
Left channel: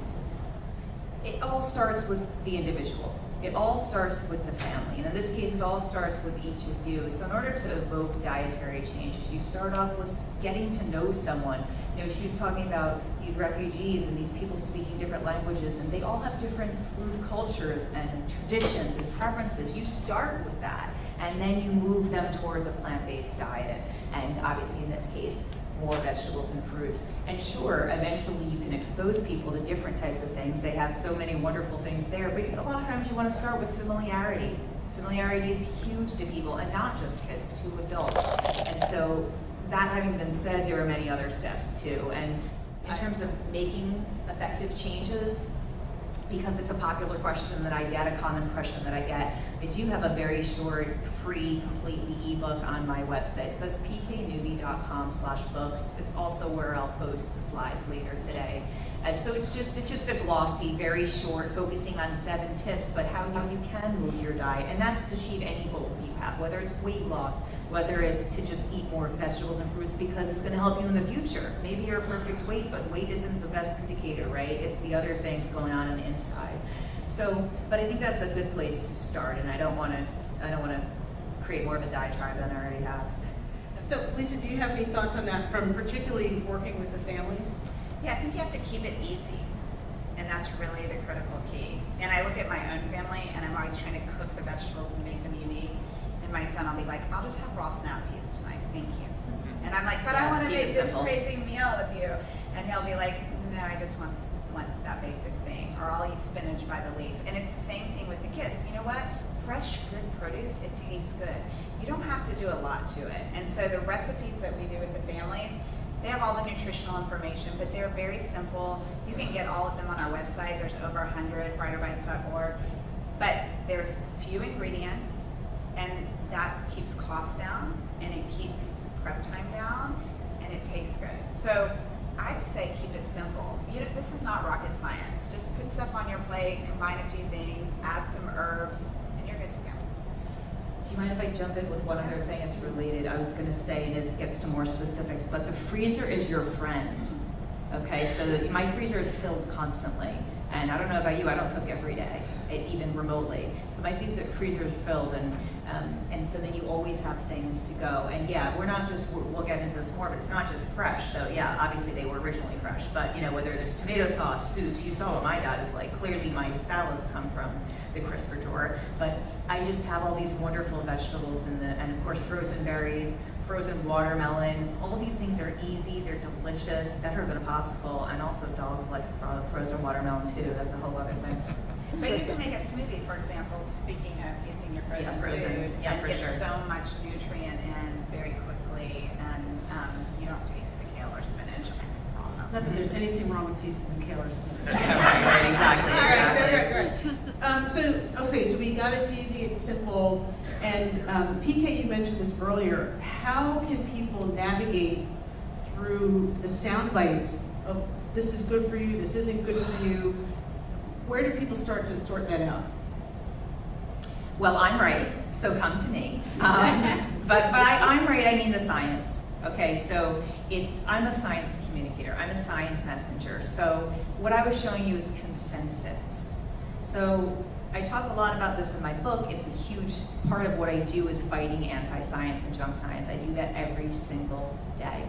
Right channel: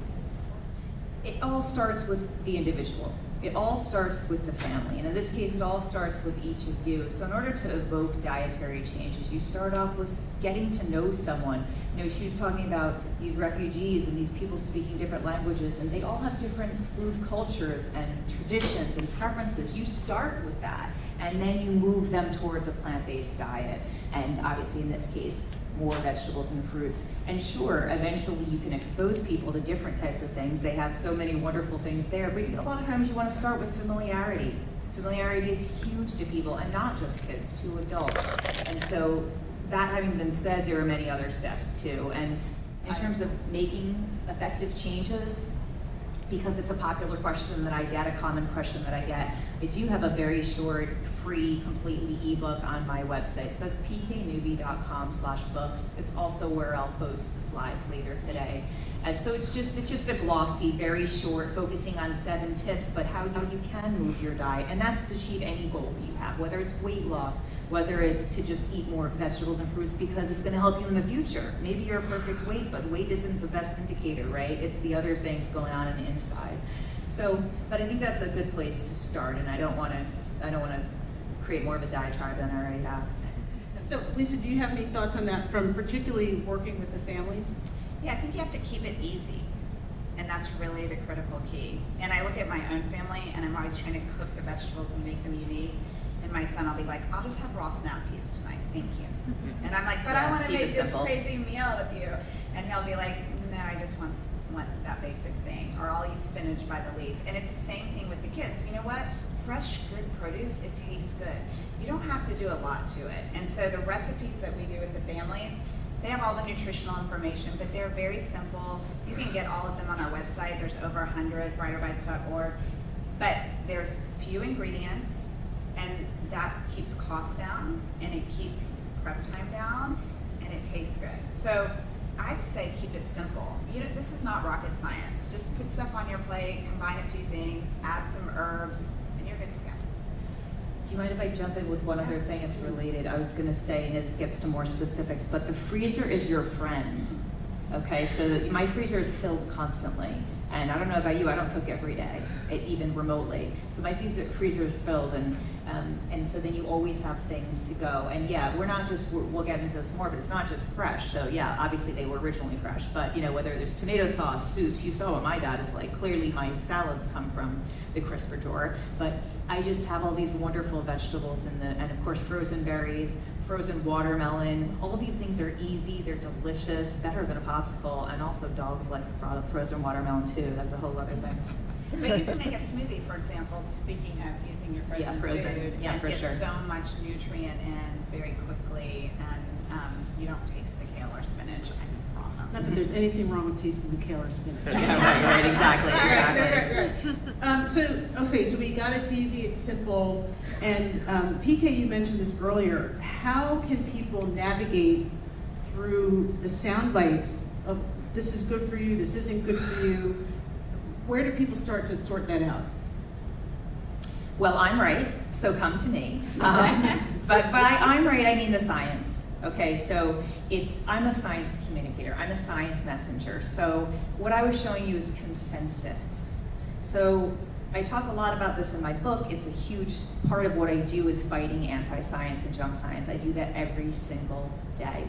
It all starts with the individual. It all starts with the family. And in this case, it all starts with each of you. So in order to evoke dietary changes, you start off with getting to know someone. You know, she was talking about these refugees and these people speaking different languages, and they all have different food cultures and traditions and preferences. You start with that, and then you move them towards a plant-based diet. And obviously in this case, more vegetables and fruits. And sure, eventually you can expose people to different types of things. They have so many wonderful things there, but a lot of times you want to start with familiarity. Familiarity is huge to people, and not just kids, to adults. And so, that having been said, there are many other steps too. And in terms of making effective changes, because it's a popular question that I get, a common question that I get, I do have a very short, free, completely ebook on my website. So that's pknewby.com/books. It's also where I'll post the slides later today. And so it's just a glossy, very short, focusing on 7 tips, but how you can move your diet. And that's to achieve any goal that you have, whether it's weight loss, whether it's to just eat more vegetables and fruits because it's going to help you in the future. Maybe you're a perfect weight, but weight isn't the best indicator, right? It's the other things going on the inside. So, but I think that's a good place to start, and I don't want to create more of a diatribe than I already have. So, Lisa, do you have any thoughts on that, from particularly working with the families? Yeah, I think you have to keep it easy. And that's really the critical key. And I look at my own family, and I'm always trying to cook the vegetables and make them unique. And my son will be like, I'll just have raw snap peas tonight, thank you. And I'm like, but I want to make this crazy meal with you. And he'll be like, no, I just want that basic thing. Or I'll eat spinach by the leaf. And it's the same thing with the kids. You know what? Fresh, good produce, it tastes good. You don't have to do a lot to it. And so the recipes that we do with the families, they have all the nutritional information, but they're very simple. You can get all of them on our website. There's over 100, brighterbites.org. But there's few ingredients, and that keeps costs down, and it keeps prep time down, and it tastes good. So I'd say keep it simple. This is not rocket science. Just put stuff on your plate, combine a few things, add some herbs, and you're good to go. Do you mind if I jump in with one other thing that's related? I was gonna say, and this gets to more specifics, but the freezer is your friend. Okay, so my freezer is filled constantly. And I don't know about you, I don't cook every day, even remotely. So my freezer is filled, and so then you always have things to go. And yeah, we're not just, we'll get into this more, but it's not just fresh. So yeah, obviously they were originally fresh, but whether there's tomato sauce, soups, you saw what my dad is like. Clearly my salads come from the crisper drawer, but I just have all these wonderful vegetables and of course frozen berries, frozen watermelon. All of these things are easy, they're delicious, better than possible, and also dogs like frozen watermelon too. That's a whole other thing. But you can make a smoothie, for example, speaking of using your frozen food, yeah, and for get sure. so much nutrient in very quickly, and you don't taste the kale or spinach. Not that there's anything wrong with tasting the kale or spinach. Yeah, right, exactly. So we got it's easy, it's simple, and PK, you mentioned this earlier. How can people navigate through the sound bites of this is good for you, this isn't good for you? Where do people start to sort that out? Well, I'm right, so come to me. But I'm right, I mean the science. Okay, so I'm a science communicator, I'm a science messenger. So what I was showing you is consensus. So I talk a lot about this in my book. It's a huge part of what I do is fighting anti-science and junk science. I do that every single day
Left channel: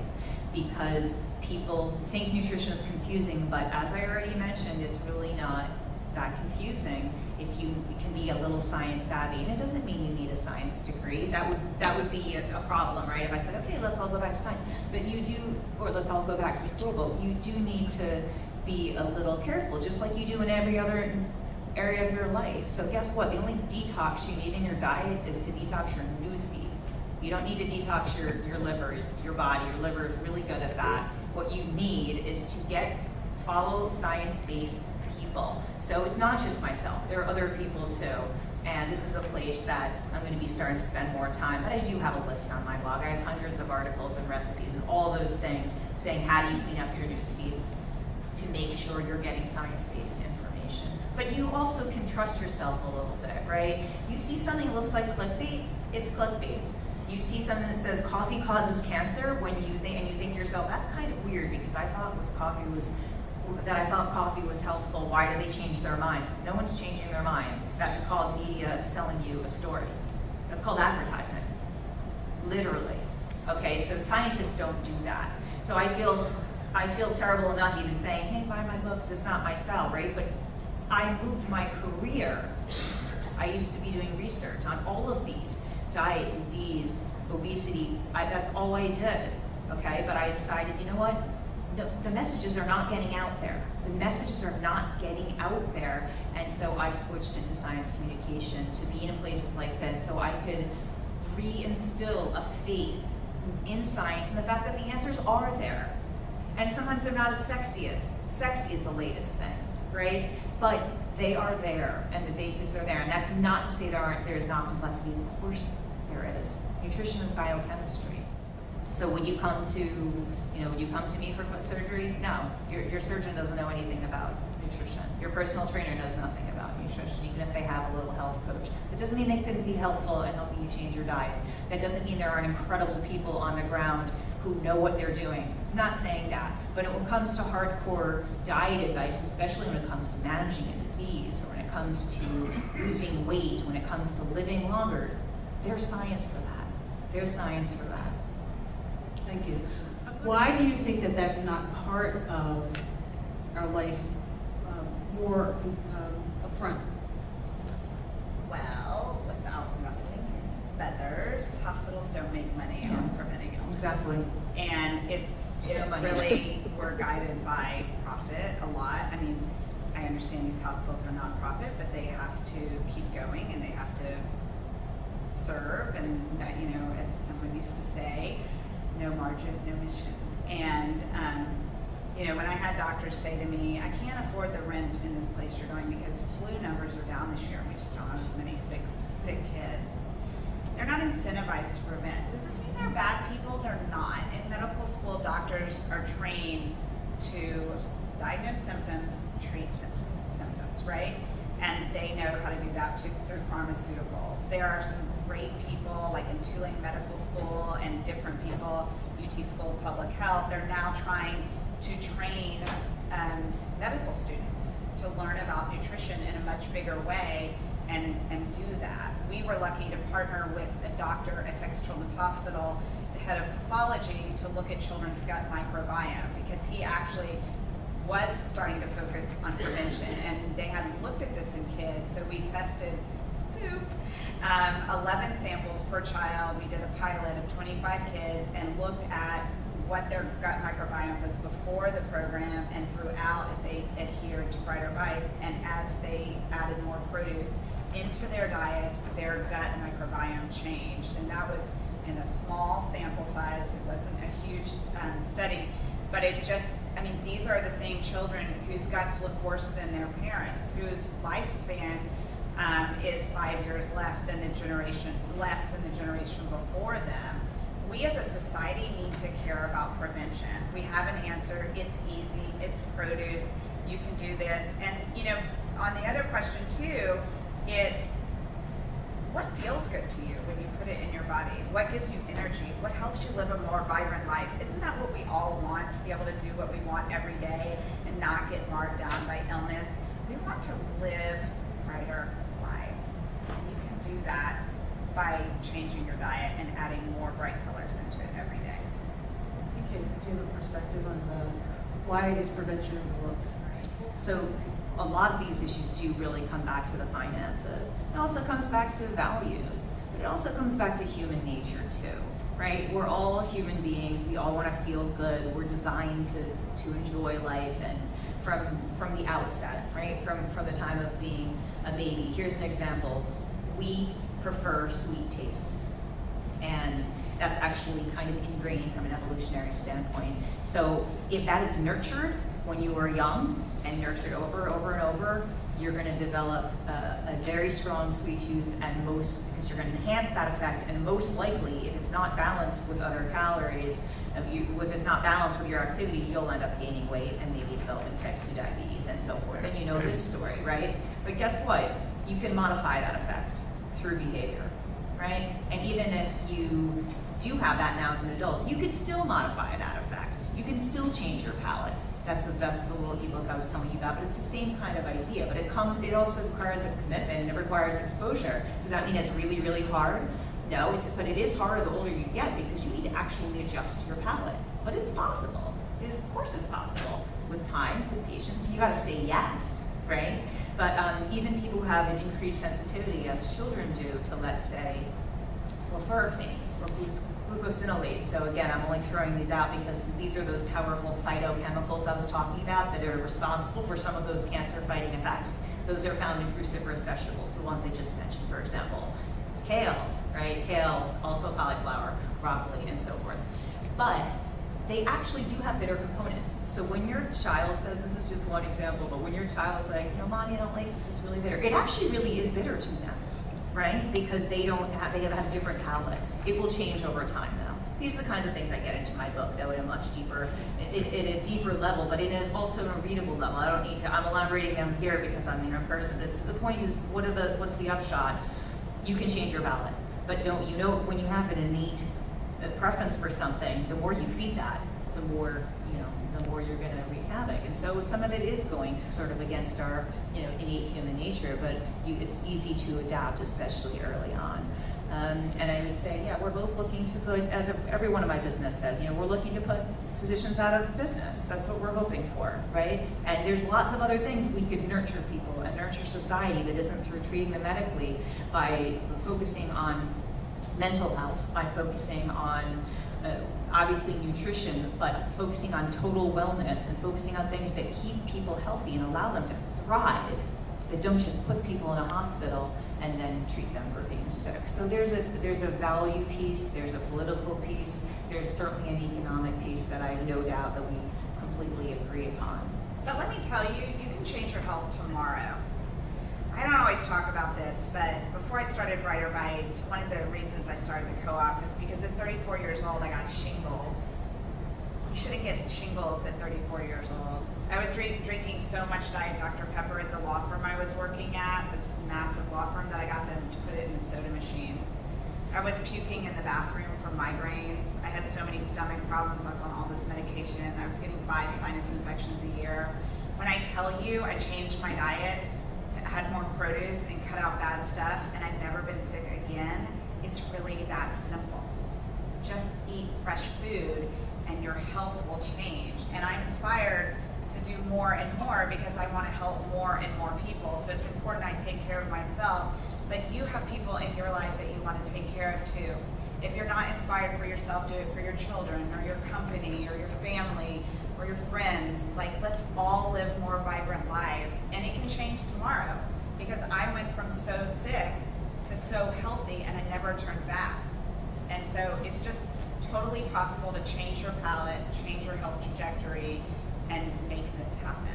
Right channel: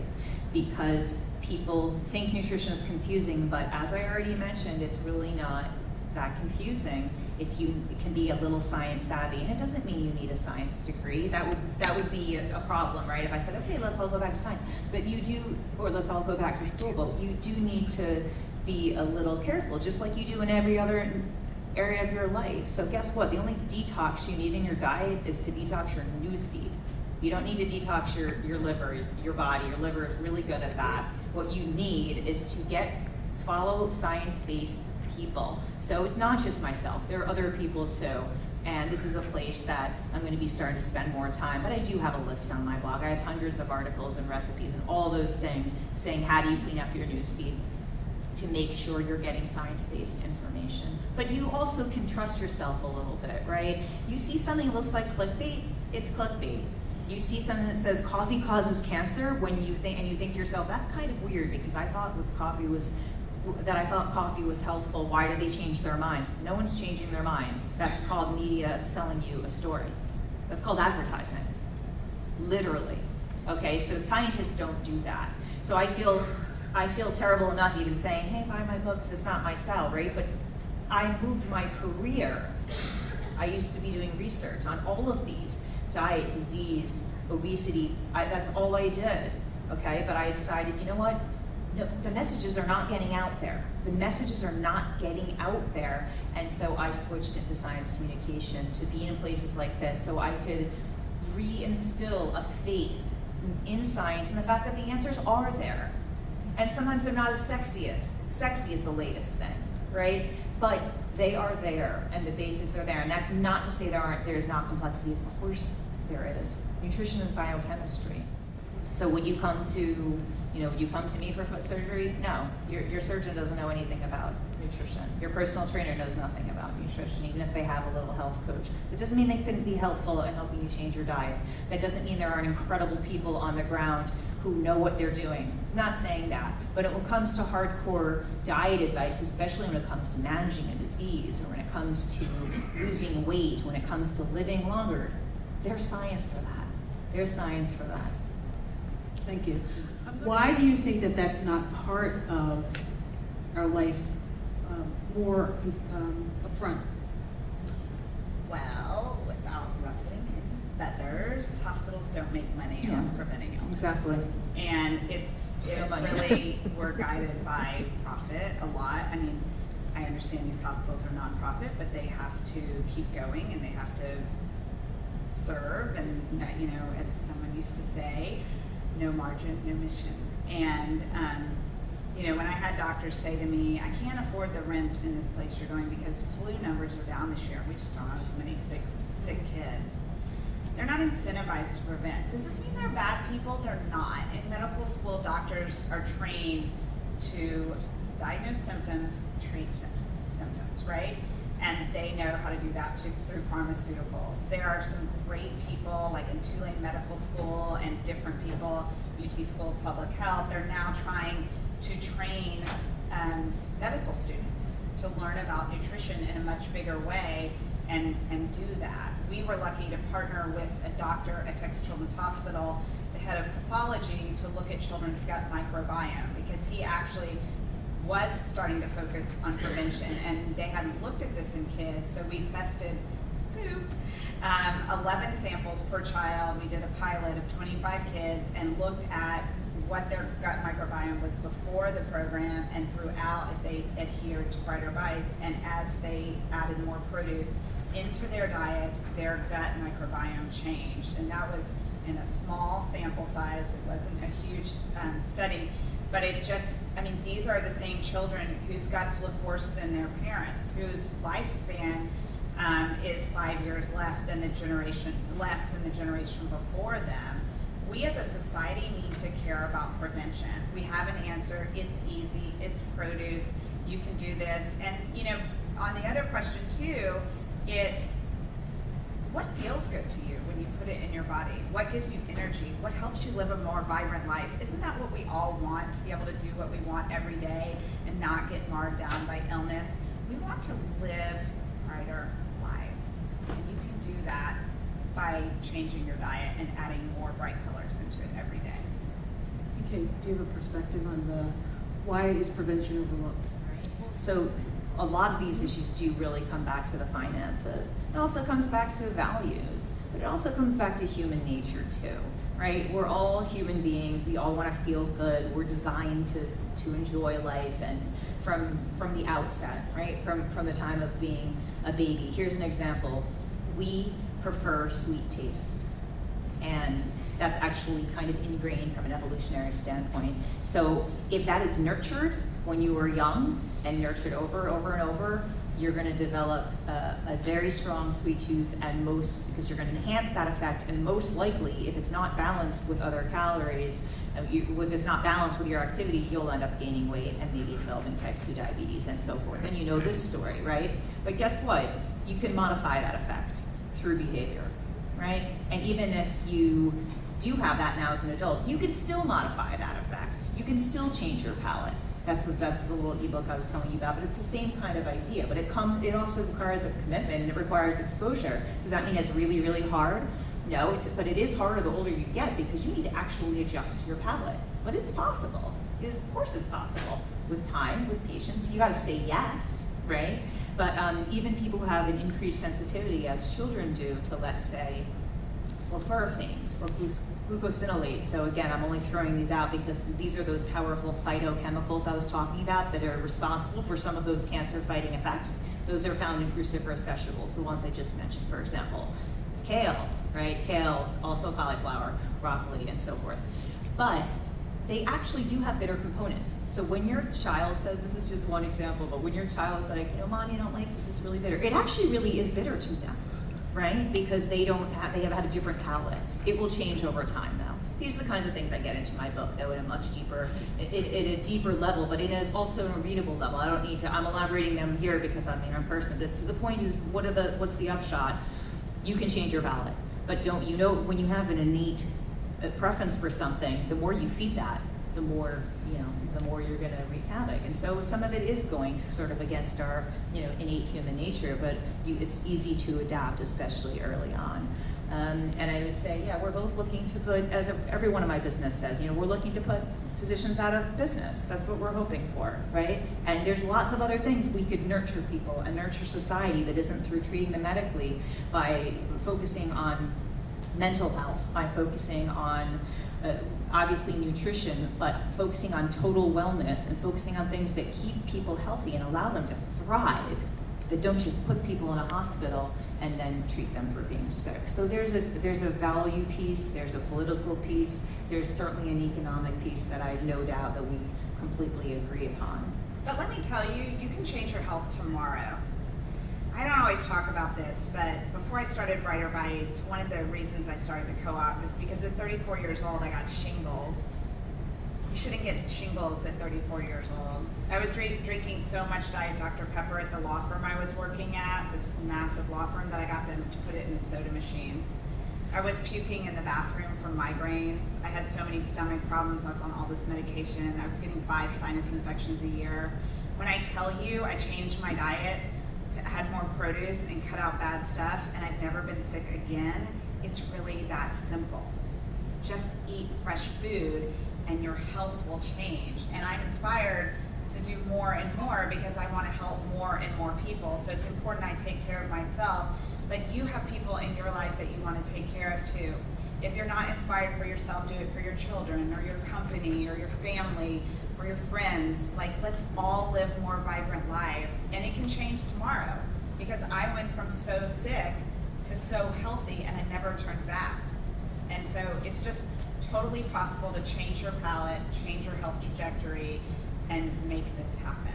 because people think nutrition is confusing, but as I already mentioned, it's really not that confusing if you can be a little science savvy. And it doesn't mean you need a science degree. That would be a problem, right? If I said, okay, let's all go back to science. But you do, or let's all go back to school, but you do need to be a little careful, just like you do in every other area of your life. So guess what? The only detox you need in your diet is to detox your newsfeed. You don't need to detox your liver, your body. Your liver is really good at that. What you need is to follow science-based people. So it's not just myself, there are other people too. And this is a place that I'm going to be starting to spend more time. But I do have a list on my blog. I have hundreds of articles and recipes and all those things saying how do you clean up your newsfeed to make sure you're getting science-based information. But you also can trust yourself a little bit, right? You see something that looks like clickbait, it's clickbait. You see something that says coffee causes cancer and you think to yourself, that's kind of weird because I thought coffee was healthful. Why did they change their minds? No one's changing their minds. That's called media selling you a story. That's called advertising, literally. Okay, so scientists don't do that. So I feel terrible enough even saying, hey, buy my books, it's not my style, right? But I moved my career. I used to be doing research on all of these, diet, disease, obesity, that's all I did, okay? But I decided, you know what? No, the messages are not getting out there. The messages are not getting out there. And so I switched into science communication to be in places like this so I could reinstill a faith in science and the fact that the answers are there. And sometimes they're not as sexy as the latest thing, right? But they are there and the basics are there. And that's not to say there is not complexity. Of course there is. Nutrition is biochemistry. So would you come to me for foot surgery? No, your surgeon doesn't know anything about nutrition. Your personal trainer knows nothing about nutrition, even if they have a little health coach. It doesn't mean they couldn't be helpful in helping you change your diet. That doesn't mean there aren't incredible people on the ground who know what they're doing. I'm not saying that, but when it comes to hardcore diet advice, especially when it comes to managing a disease, or when it comes to losing weight, when it comes to living longer, there's science for that. There's science for that. Thank you. Why do you think that that's not part of our life more upfront? Well, without ruffling any feathers, hospitals don't make money on preventing illness. Exactly. And it really, we're guided by profit a lot. I mean, I understand these hospitals are nonprofit, but they have to keep going and they have to serve. And, you know, as someone used to say, no margin, no mission. And, you know, when I had doctors say to me, I can't afford the rent in this place you're going because flu numbers are down this year. We just don't have as many sick kids. They're not incentivized to prevent. Does this mean they're bad people? They're not. In medical school, doctors are trained to diagnose symptoms, treat symptoms, right? And they know how to do that through pharmaceuticals. There are some great people, like in Tulane Medical School and different people, UT School of Public Health, they're now trying to train medical students to learn about nutrition in a much bigger way and do that. We were lucky to partner with a doctor at Texas Children's Hospital, the head of pathology, to look at children's gut microbiome because he actually was starting to focus on prevention, and they hadn't looked at this in kids, so we tested 11 samples per child. We did a pilot of 25 kids and looked at what their gut microbiome was before the program and throughout if they adhered to Brighter Bites, and as they added more produce into their diet, their gut microbiome changed. And that was in a small sample size. It wasn't a huge study, but it just, I mean, these are the same children whose guts look worse than their parents, whose lifespan is 5 years less than the generation before them. We as a society need to care about prevention. We have an answer. It's easy. It's produce. You can do this. And, you know, on the other question too, it's what feels good to you when you put it in your body? What gives you energy? What helps you live a more vibrant life? Isn't that what we all want, to be able to do what we want every day and not get marred down by illness? We want to live brighter lives. And you can do that by changing your diet and adding more bright colors into it every day. Okay, do you have a perspective on why is prevention overlooked? So a lot of these issues do really come back to the finances. It also comes back to values, but it also comes back to human nature too, right? We're all human beings. We all want to feel good. We're designed to enjoy life, and from the outset, right? From the time of being a baby. Here's an example. We prefer sweet taste, and that's actually kind of ingrained from an evolutionary standpoint. So if that is nurtured when you were young and nurtured over and over, you're going to develop a very strong sweet tooth, and because you're going to enhance that effect, and most likely, if it's not balanced with other calories, if it's not balanced with your activity, you'll end up gaining weight and maybe developing type 2 diabetes and so forth. And you know this story, right? But guess what? You can modify that effect through behavior, right? And even if you do have that now as an adult, you can still modify that effect. You can still change your palate. That's the little ebook I was telling you about, but it's the same kind of idea. But it also requires a commitment, and it requires exposure. Does that mean it's really, really hard? No, but it is harder the older you get, because you need to actually adjust your palate. But it's possible. Of course it's possible. With time, with patience, you gotta say yes, right? But even people who have an increased sensitivity, as children do, to, let's say, sulforaphanes or glucosinolates. So again, I'm only throwing these out because these are those powerful phytochemicals I was talking about that are responsible for some of those cancer-fighting effects. Those are found in cruciferous vegetables, the ones I just mentioned, for example. Kale, right? Kale, also cauliflower, broccoli, and so forth. But they actually do have bitter components. So when your child says, this is just one example, but when your child's like, Mommy, I don't like this, it's really bitter. It actually really is bitter to them, right? Because they have had a different palate. It will change over time now. These are the kinds of things I get into my book, though, at a much deeper, in a deeper level, but also a readable level. I don't need to, I'm elaborating them here because I'm in person. The point is, what's the upshot? You can change your palate, but when you have an innate preference for something, the more you feed that, the more you're going to wreak havoc. And so some of it is going sort of against our innate human nature, but it's easy to adapt, especially early on. And I would say, yeah, we're both looking to put, every one of my business says, we're looking to put physicians out of business. That's what we're hoping for, right? And there's lots of other things we could nurture people and nurture society that isn't through treating them medically, by focusing on mental health, by focusing on obviously nutrition, but focusing on total wellness and focusing on things that keep people healthy and allow them to thrive, that don't just put people in a hospital and then treat them for being sick. So there's a value piece, there's a political piece, there's certainly an economic piece that I have no doubt that we completely agree upon. But let me tell you, you can change your health tomorrow. I don't always talk about this, but before I started Brighter Bites, one of the reasons I started the co-op is because at 34 years old, I got shingles. You shouldn't get shingles at 34 years old. I was drinking so much Diet Dr. Pepper at the law firm I was working at, this massive law firm, that I got them to put it in the soda machines. I was puking in the bathroom from migraines. I had so many stomach problems. I was on all this medication. I was getting 5 sinus infections a year. When I tell you I changed my diet, had more produce and cut out bad stuff, and I've never been sick again, it's really that simple. Just eat fresh food and your health will change. And I'm inspired to do more and more because I want to help more and more people. So it's important I take care of myself, but you have people in your life that you want to take care of too. If you're not inspired for yourself, do it for your children or your company or your family or your friends. Like, let's all live more vibrant lives, and it can change tomorrow, because I went from so sick to so healthy and I never turned back. And so it's just totally possible to change your palate, change your health trajectory, and make this happen.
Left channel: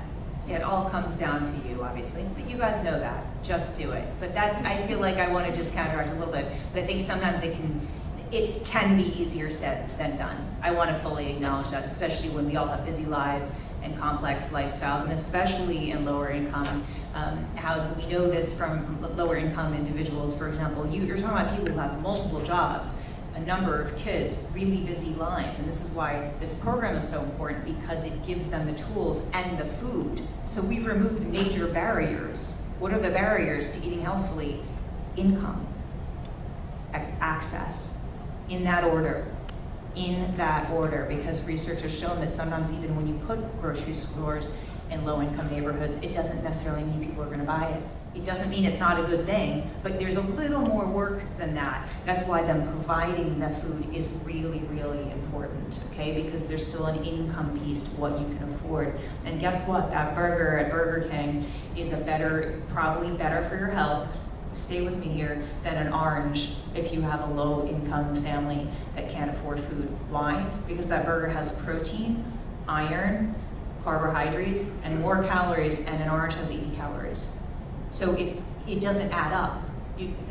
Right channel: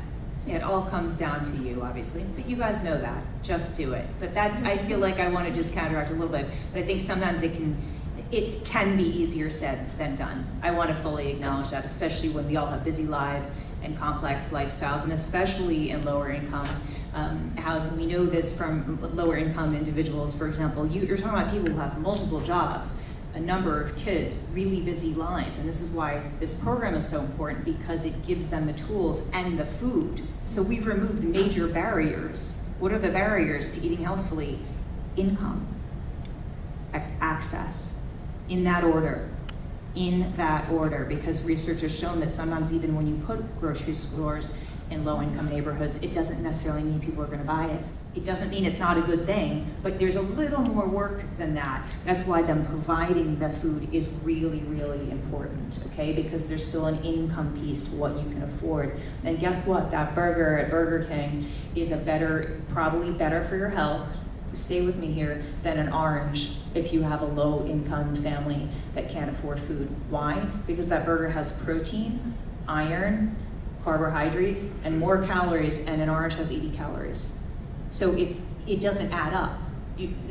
Yeah, it all comes down to you, obviously, but you guys know that. Just do it. But that, I feel like I want to just counteract a little bit, but I think sometimes it can be easier said than done. I want to fully acknowledge that, especially when we all have busy lives and complex lifestyles, and especially in lower income housing. We know this from lower income individuals. For example, you're talking about people who have multiple jobs, a number of kids, really busy lives, and this is why this program is so important, because it gives them the tools and the food. So we've removed major barriers. What are the barriers to eating healthfully? Income, access, in that order, because research has shown that sometimes even when you put grocery stores in low-income neighborhoods, it doesn't necessarily mean people are going to buy it. It doesn't mean it's not a good thing, but there's a little more work than that. That's why them providing the food is really, really important, okay? Because there's still an income piece to what you can afford. And guess what? That burger at Burger King is probably better for your health, stay with me here, than an orange if you have a low-income family that can't afford food. Why? Because that burger has protein, iron, carbohydrates, and more calories, and an orange has 80 calories. So it doesn't add up.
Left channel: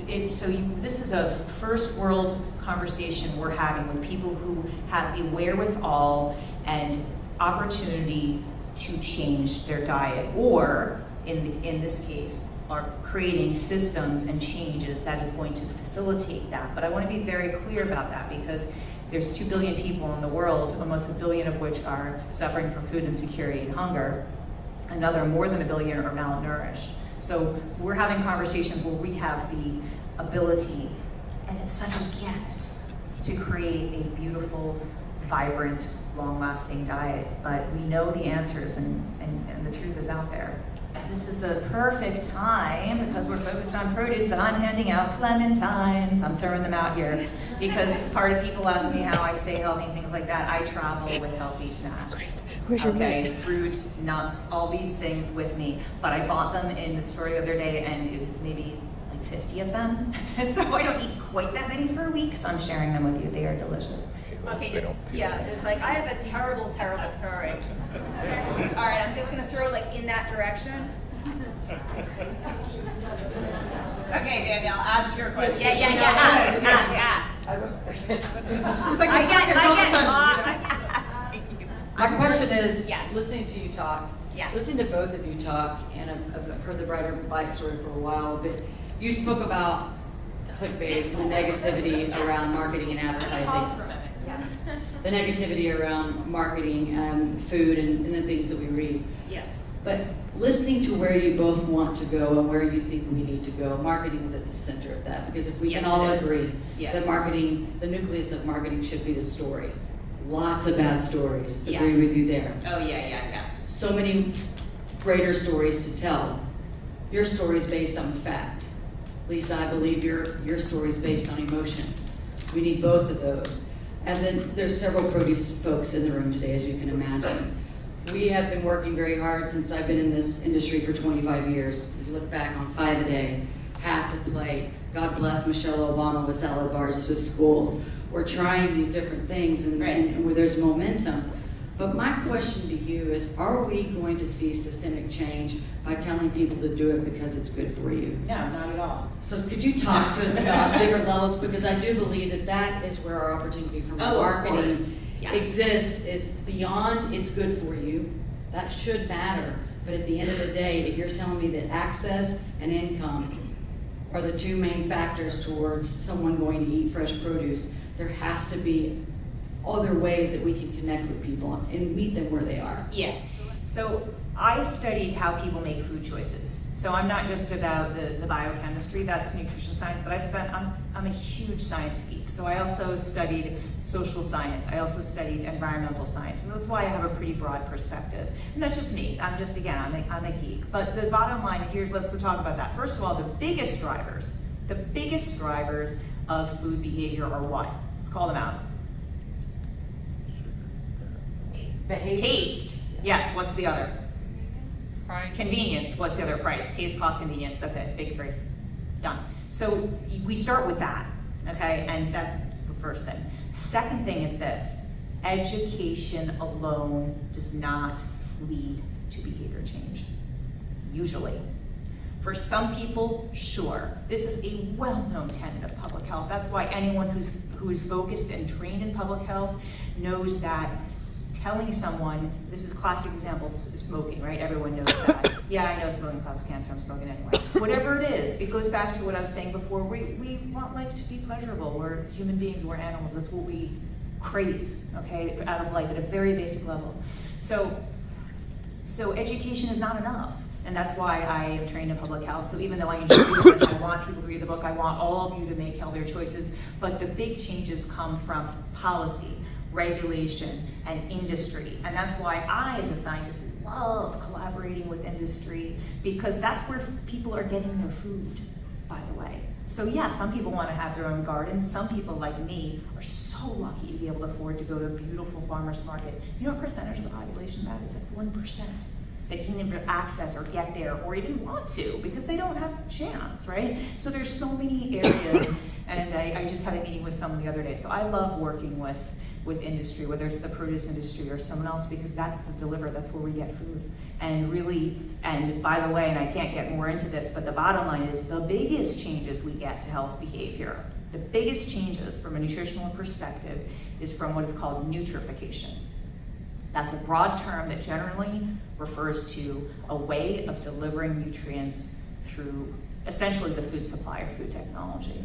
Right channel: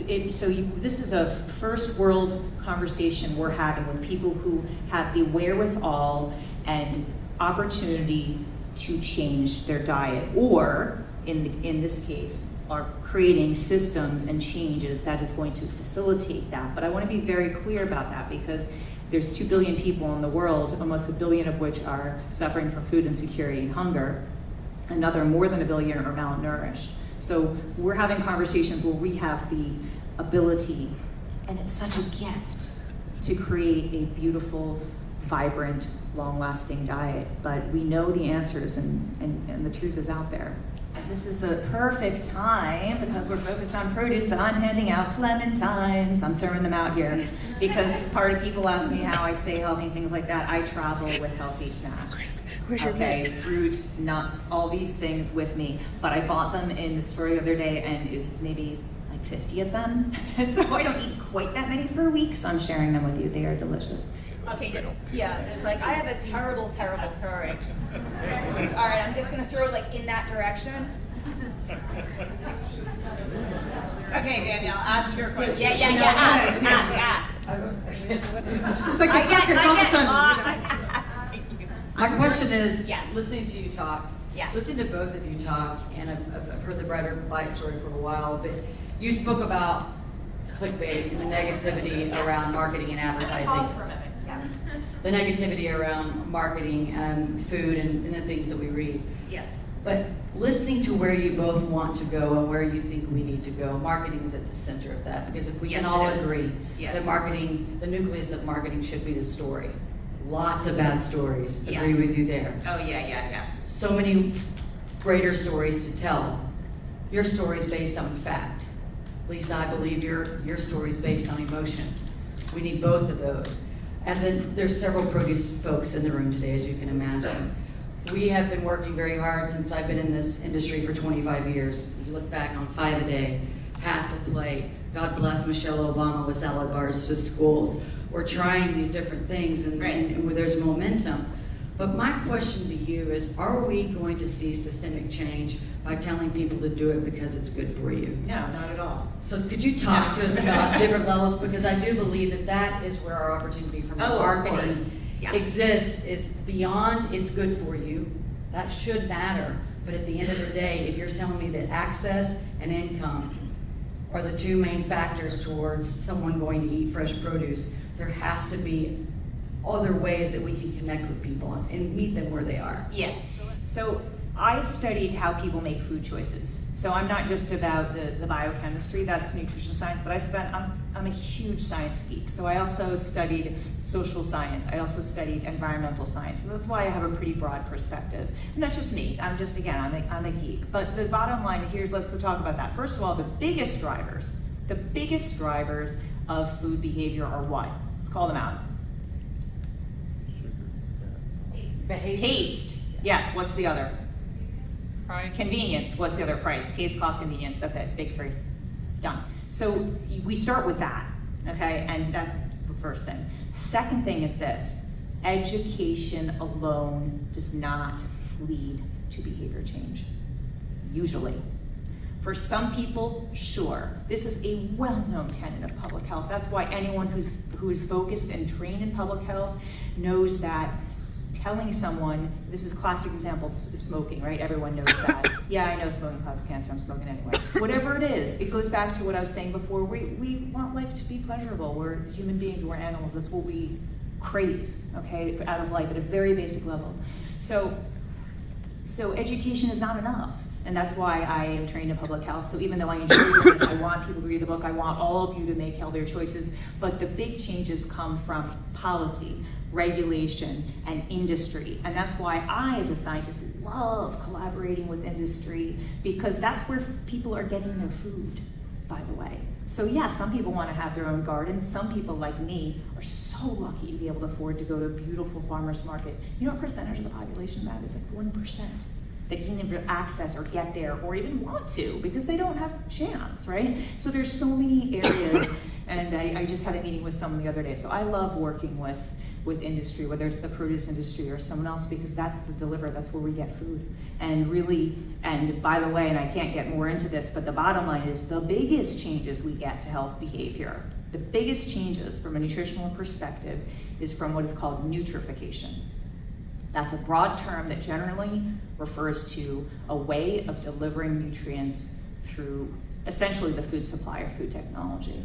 This is a first world conversation we're having with people who have the wherewithal and opportunity to change their diet, or in this case, are creating systems and changes that is going to facilitate that. But I want to be very clear about that, because there's 2 billion people in the world, almost 1 billion of which are suffering from food insecurity and hunger. Another more than 1 billion are malnourished. So we're having conversations where we have the ability, and it's such a gift, to create a beautiful, vibrant, long-lasting diet. But we know the answers, and the truth is out there. This is the perfect time, because we're focused on produce, that I'm handing out clementines. I'm throwing them out here because part of people ask me how I stay healthy and things like that. I travel with healthy snacks. Okay, fruit, nuts, all these things with me. But I bought them in the store the other day, and it was maybe like 50 of them. So I don't eat quite that many for a week, so I'm sharing them with you. They are delicious. Okay, good. Yeah, it's like I have a terrible throwing. All right, I'm just gonna throw like in that direction. Okay, Danielle, ask your question. Yeah. Ask. It's like My question is, Yes. listening to you talk, Yes. listening to both of you talk, and I've heard the Brighter Bite story for a while, but you spoke about clickbait and the negativity around marketing and advertising. the negativity around marketing and food and the things that we read. Yes. But listening to where you both want to go and where you think we need to go, marketing is at the center of that. Because if we Yes, can all it is. agree Yes. that marketing, the nucleus of marketing should be the story. Lots of bad stories. Yes. Agree with you there. Oh, yes. So many greater stories to tell. Your story is based on fact. Lisa, I believe your story is based on emotion. We need both of those. There's several produce folks in the room today, as you can imagine. We have been working very hard since I've been in this industry for 25 years. If you look back on 5 a day, half the plate. God bless Michelle Obama with salad bars to schools. We're trying these different things and where there's momentum. But my question to you is, are we going to see systemic change by telling people to do it because it's good for you? No, not at all. So could you talk to us about different levels? Because I do believe that is where our opportunity from marketing exists, is beyond it's good for you. That should matter. But at the end of the day, if you're telling me that access and income are the two main factors towards someone going to eat fresh produce, there has to be other ways that we can connect with people and meet them where they are. Yeah. So I studied how people make food choices. So I'm not just about the biochemistry, that's nutrition science, but I'm a huge science geek. So I also studied social science. I also studied environmental science. And that's why I have a pretty broad perspective. And that's just me. I'm a geek. But the bottom line here is, let's talk about that. First of all, the biggest drivers of food behavior are what? Let's call them out. Taste. Yes, what's the other? Price. Convenience. What's the other? Price. Taste, cost, convenience. That's it. Big three. Done. So we start with that, okay? And that's the first thing. Second thing is this. Education alone does not lead to behavior change. Usually. For some people, sure. This is a well-known tenet of public health. That's why anyone who's focused and trained in public health knows that telling someone, this is a classic example, smoking, right? Everyone knows that. Yeah, I know smoking causes cancer, I'm smoking anyway. Whatever it is, it goes back to what I was saying before. We want life to be pleasurable. We're human beings, we're animals. That's what we crave, okay, out of life at a very basic level. So education is not enough. And that's why I am trained in public health. So even though I enjoy this, I want people to read the book, I want all of you to make healthier choices. But the big changes come from policy, regulation, and industry. And that's why I, as a scientist, love collaborating with industry, because that's where people are getting their food, by the way. So yeah, some people want to have their own garden. Some people, like me, are so lucky to be able to afford to go to a beautiful farmer's market. You know what percentage of the population that is? Like 1%. That can even access or get there or even want to, because they don't have a chance, right? So there's so many areas, and I just had a meeting with someone the other day. So I love working with industry, whether it's the produce industry or someone else, because that's the deliver, that's where we get food. And really, and by the way, and I can't get more into this, but the bottom line is the biggest changes we get to health behavior, the biggest changes from a nutritional perspective is from what is called nutrification. That's a broad term that generally refers to a way of delivering nutrients through essentially the food supply or food technology.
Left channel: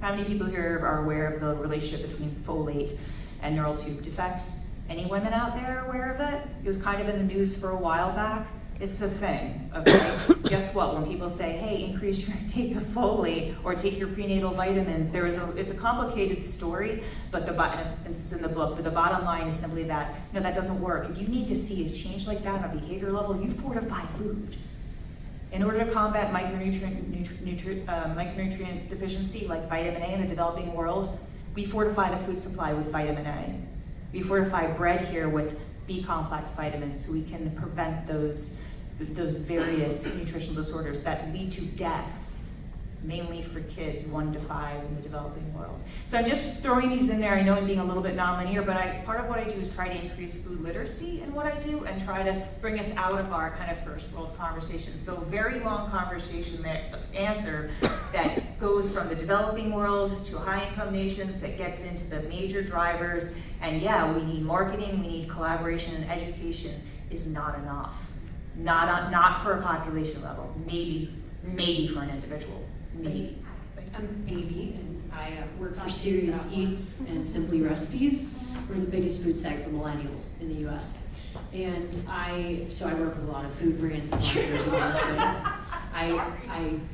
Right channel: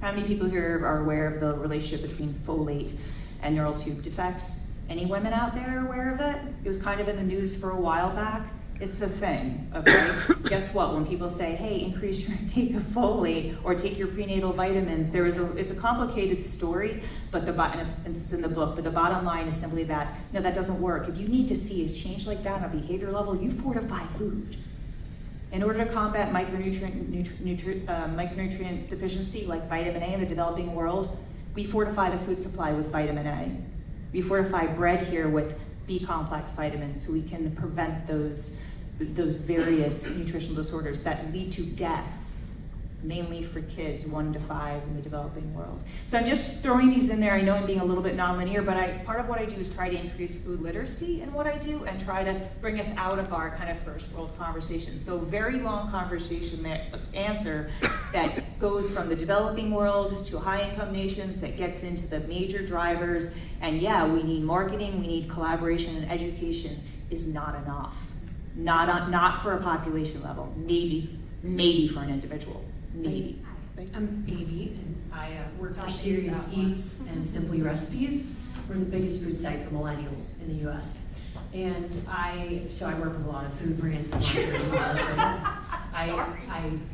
How many people here are aware of the relationship between folate and neural tube defects? Any women out there aware of it? It was kind of in the news for a while back. It's a thing, okay? Guess what? When people say, hey, increase your intake of folate or take your prenatal vitamins, it's a complicated story, but it's in the book, but the bottom line is simply that, no, that doesn't work. If you need to see a change like that on a behavior level, you fortify food. In order to combat micronutrient deficiency like vitamin A in the developing world, we fortify the food supply with vitamin A. We fortify bread here with B-complex vitamins so we can prevent those various nutritional disorders that lead to death, mainly for kids 1 to 5 in the developing world. So I'm just throwing these in there. I know I'm being a little bit nonlinear, but part of what I do is try to increase food literacy in what I do and try to bring us out of our kind of first world conversation. So very long conversation answer that goes from the developing world to high income nations, that gets into the major drivers. And yeah, we need marketing, we need collaboration, and education is not enough. Not for a population level, maybe for an individual. Maybe. I'm Amy, and I work for Serious Eats and Simply Recipes. we're the biggest food site for millennials in the US. And so I work with a lot of food brands and marketers and all this. I'm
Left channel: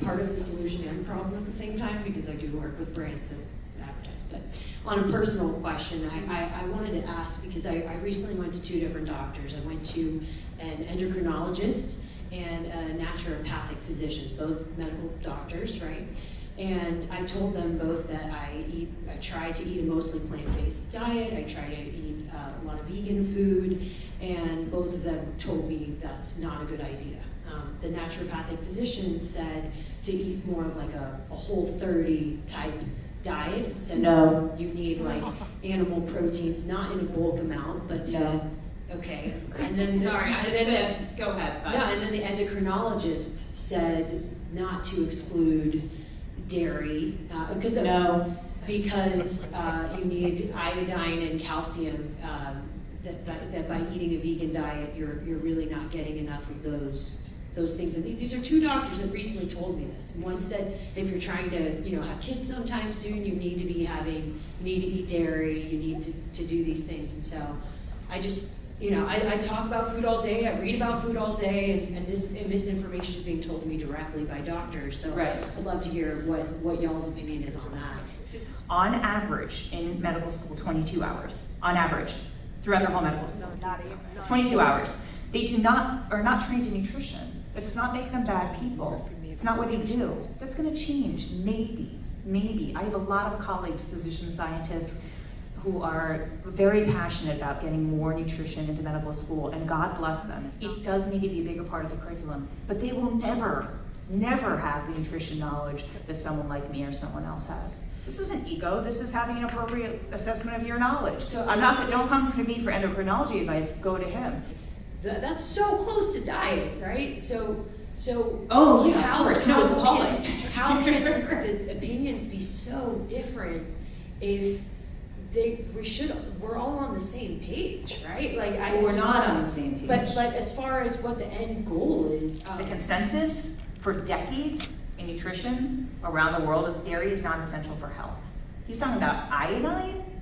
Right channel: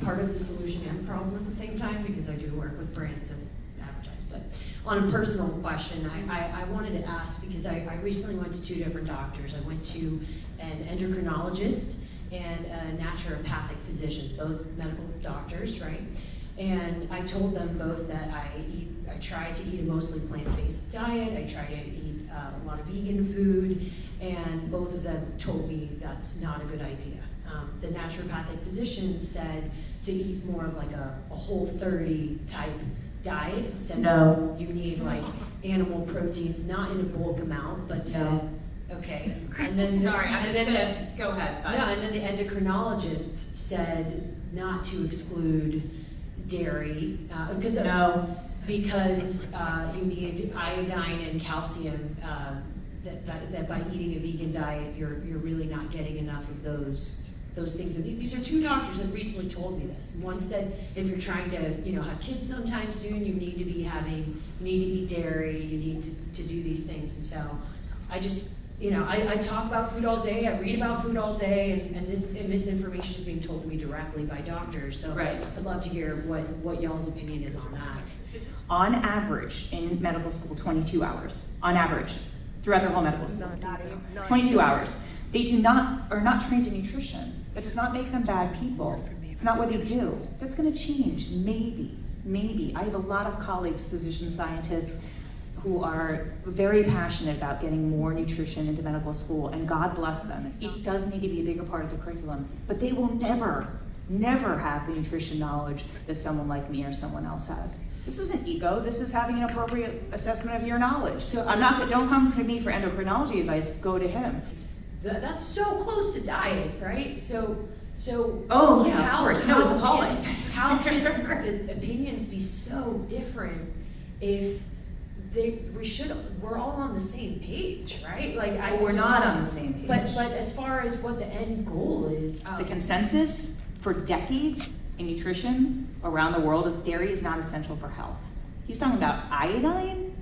part of the solution and problem at the same time because I do work with brands that advertise. But on a personal question, I wanted to ask because I recently went to 2 different doctors. I went to an endocrinologist and a naturopathic physicians, both medical doctors, right? And I told them both that I try to eat a mostly plant-based diet. I try to eat a lot of vegan food, and both of them told me that's not a good idea. The naturopathic physician said to eat more of like a Whole30 type diet. Said no, you need like animal proteins, not in a bulk amount, but okay. And then Sorry, I'm just gonna go ahead. But. No, and then the endocrinologist said not to exclude dairy because you need iodine and calcium. That by eating a vegan diet, you're really not getting enough of those things. And these are 2 doctors that recently told me this. One said if you're trying to have kids sometime soon, you need to eat dairy, you need to do these things. And so I just I talk about food all day, I read about food all day, and this misinformation is being told to me directly by doctors. So right. I'd love to hear what y'all's opinion is on that. On average, in medical school, 22 hours. On average, throughout their whole medical school. 22 hours. They are not trained in nutrition. That does not make them bad people. It's not what they do. That's going to change, maybe. I have a lot of colleagues, physician scientists, who are very passionate about getting more nutrition into medical school, and God bless them. It does need to be a bigger part of the curriculum, but they will never have the nutrition knowledge that someone like me or someone else has. This isn't ego, this is having an appropriate assessment of your knowledge. So don't come to me for endocrinology advice, go to him. That's so close to diet, right? So oh yeah, of course. No, it's appalling. How can the opinions be so different if we're all on the same page, right? We're not on the same page. But as far as what the end goal is, The consensus for decades in nutrition around the world is dairy is not essential for health. He's talking about iodine.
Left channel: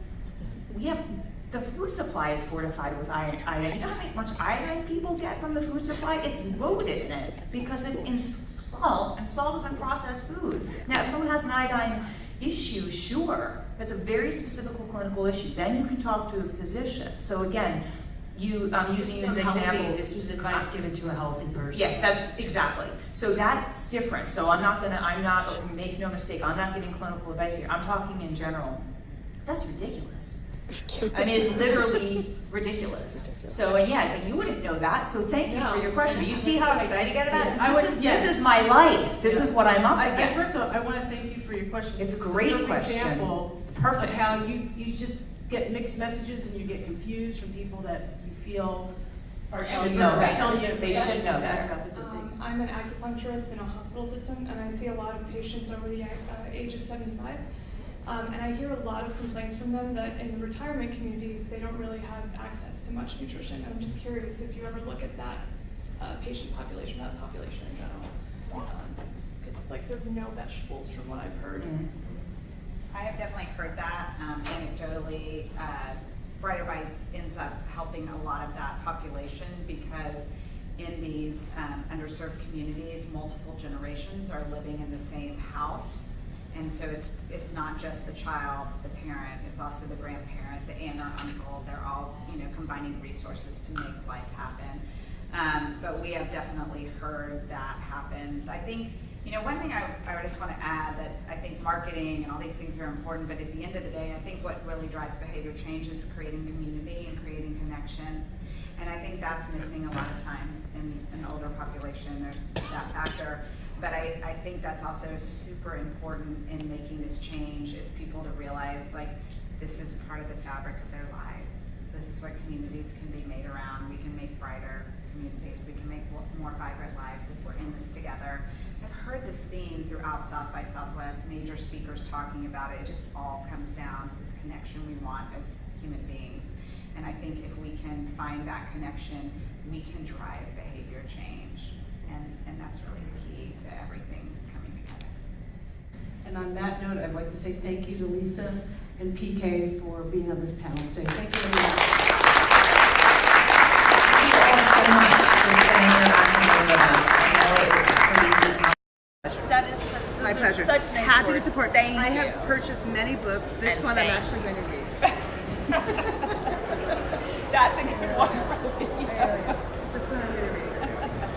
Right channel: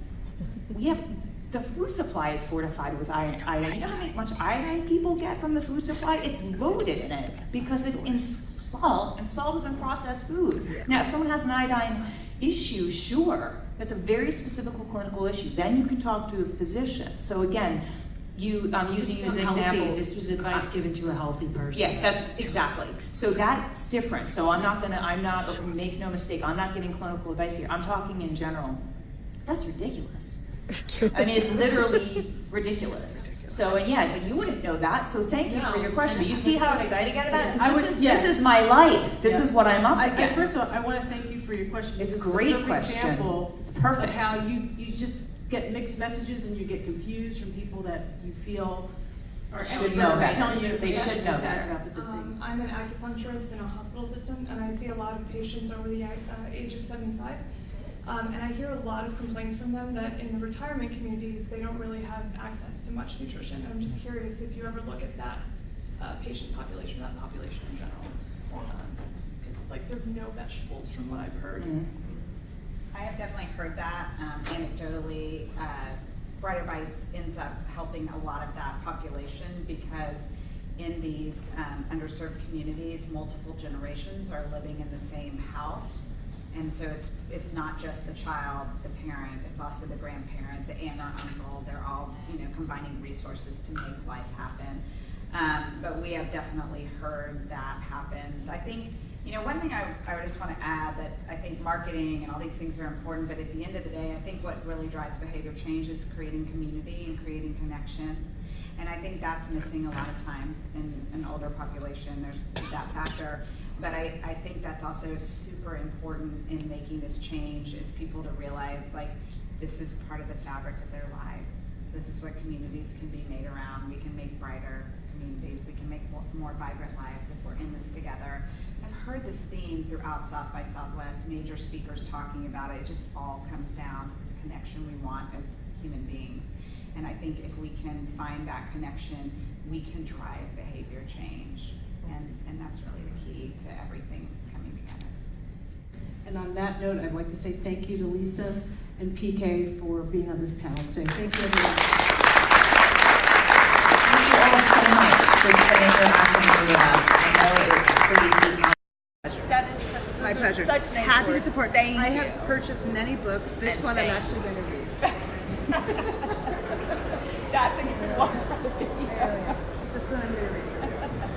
The food supply is fortified with iodine. You know how much iodine people get from the food supply? It's loaded in it because it's in salt, and salt is in processed food. Now, if someone has an iodine issue, sure, that's a very specific clinical issue. Then you can talk to a physician. So again, I'm using as an example. This was advice given to a healthy person. Yeah, that's exactly. So that's different. So make no mistake, I'm not giving clinical advice here. I'm talking in general. That's ridiculous. I mean, it's literally ridiculous. So, and yeah, you wouldn't know that, so thank you for your question. You see how excited I got about it? This is my life. This is what I'm up against. First of all, I want to thank you for your question. It's a great question. Example it's perfect. of how you just get mixed messages and you get confused from people that you feel are telling you they should know that. I'm an acupuncturist in a hospital system, and I see a lot of patients over the age of 75. And I hear a lot of complaints from them that in the retirement communities, they don't really have access to much nutrition. And I'm just curious if you ever look at that patient population, that population in general. It's there's no vegetables from what I've heard. I have definitely heard that. Anecdotally, Brighter Bites ends up helping a lot of that population because in these underserved communities, multiple generations are living in the same house. And so it's not just the child, the parent, it's also the grandparent, the aunt or uncle. They're all combining resources to make life happen. But we have definitely heard that happens. I think one thing I just want to add that I think marketing and all these things are important, but at the end of the day, I think what really drives behavior change is creating community and creating connection. And I think that's missing a lot of times in an older population. There's that factor. But I think that's also super important in making this change is people to realize this is part of the fabric of their lives. This is what communities can be made around. We can make brighter communities. We can make more vibrant lives if we're in this together. I've heard this theme throughout South by Southwest, major speakers talking about it. It just all comes down to this connection we want as human beings. And I think if we can find that connection, we can drive behavior change. And that's really the key to everything coming together. And on that note, I'd like to say thank you to Lisa and PK for being on this panel today. Thank you very much. Thank you all so much for spending your afternoon with us. That is such, My those are pleasure. such nice Happy words. to support. Thank I you. have purchased many books. This And one I'm thank actually going to read. That's a good one. This one I'm going to read.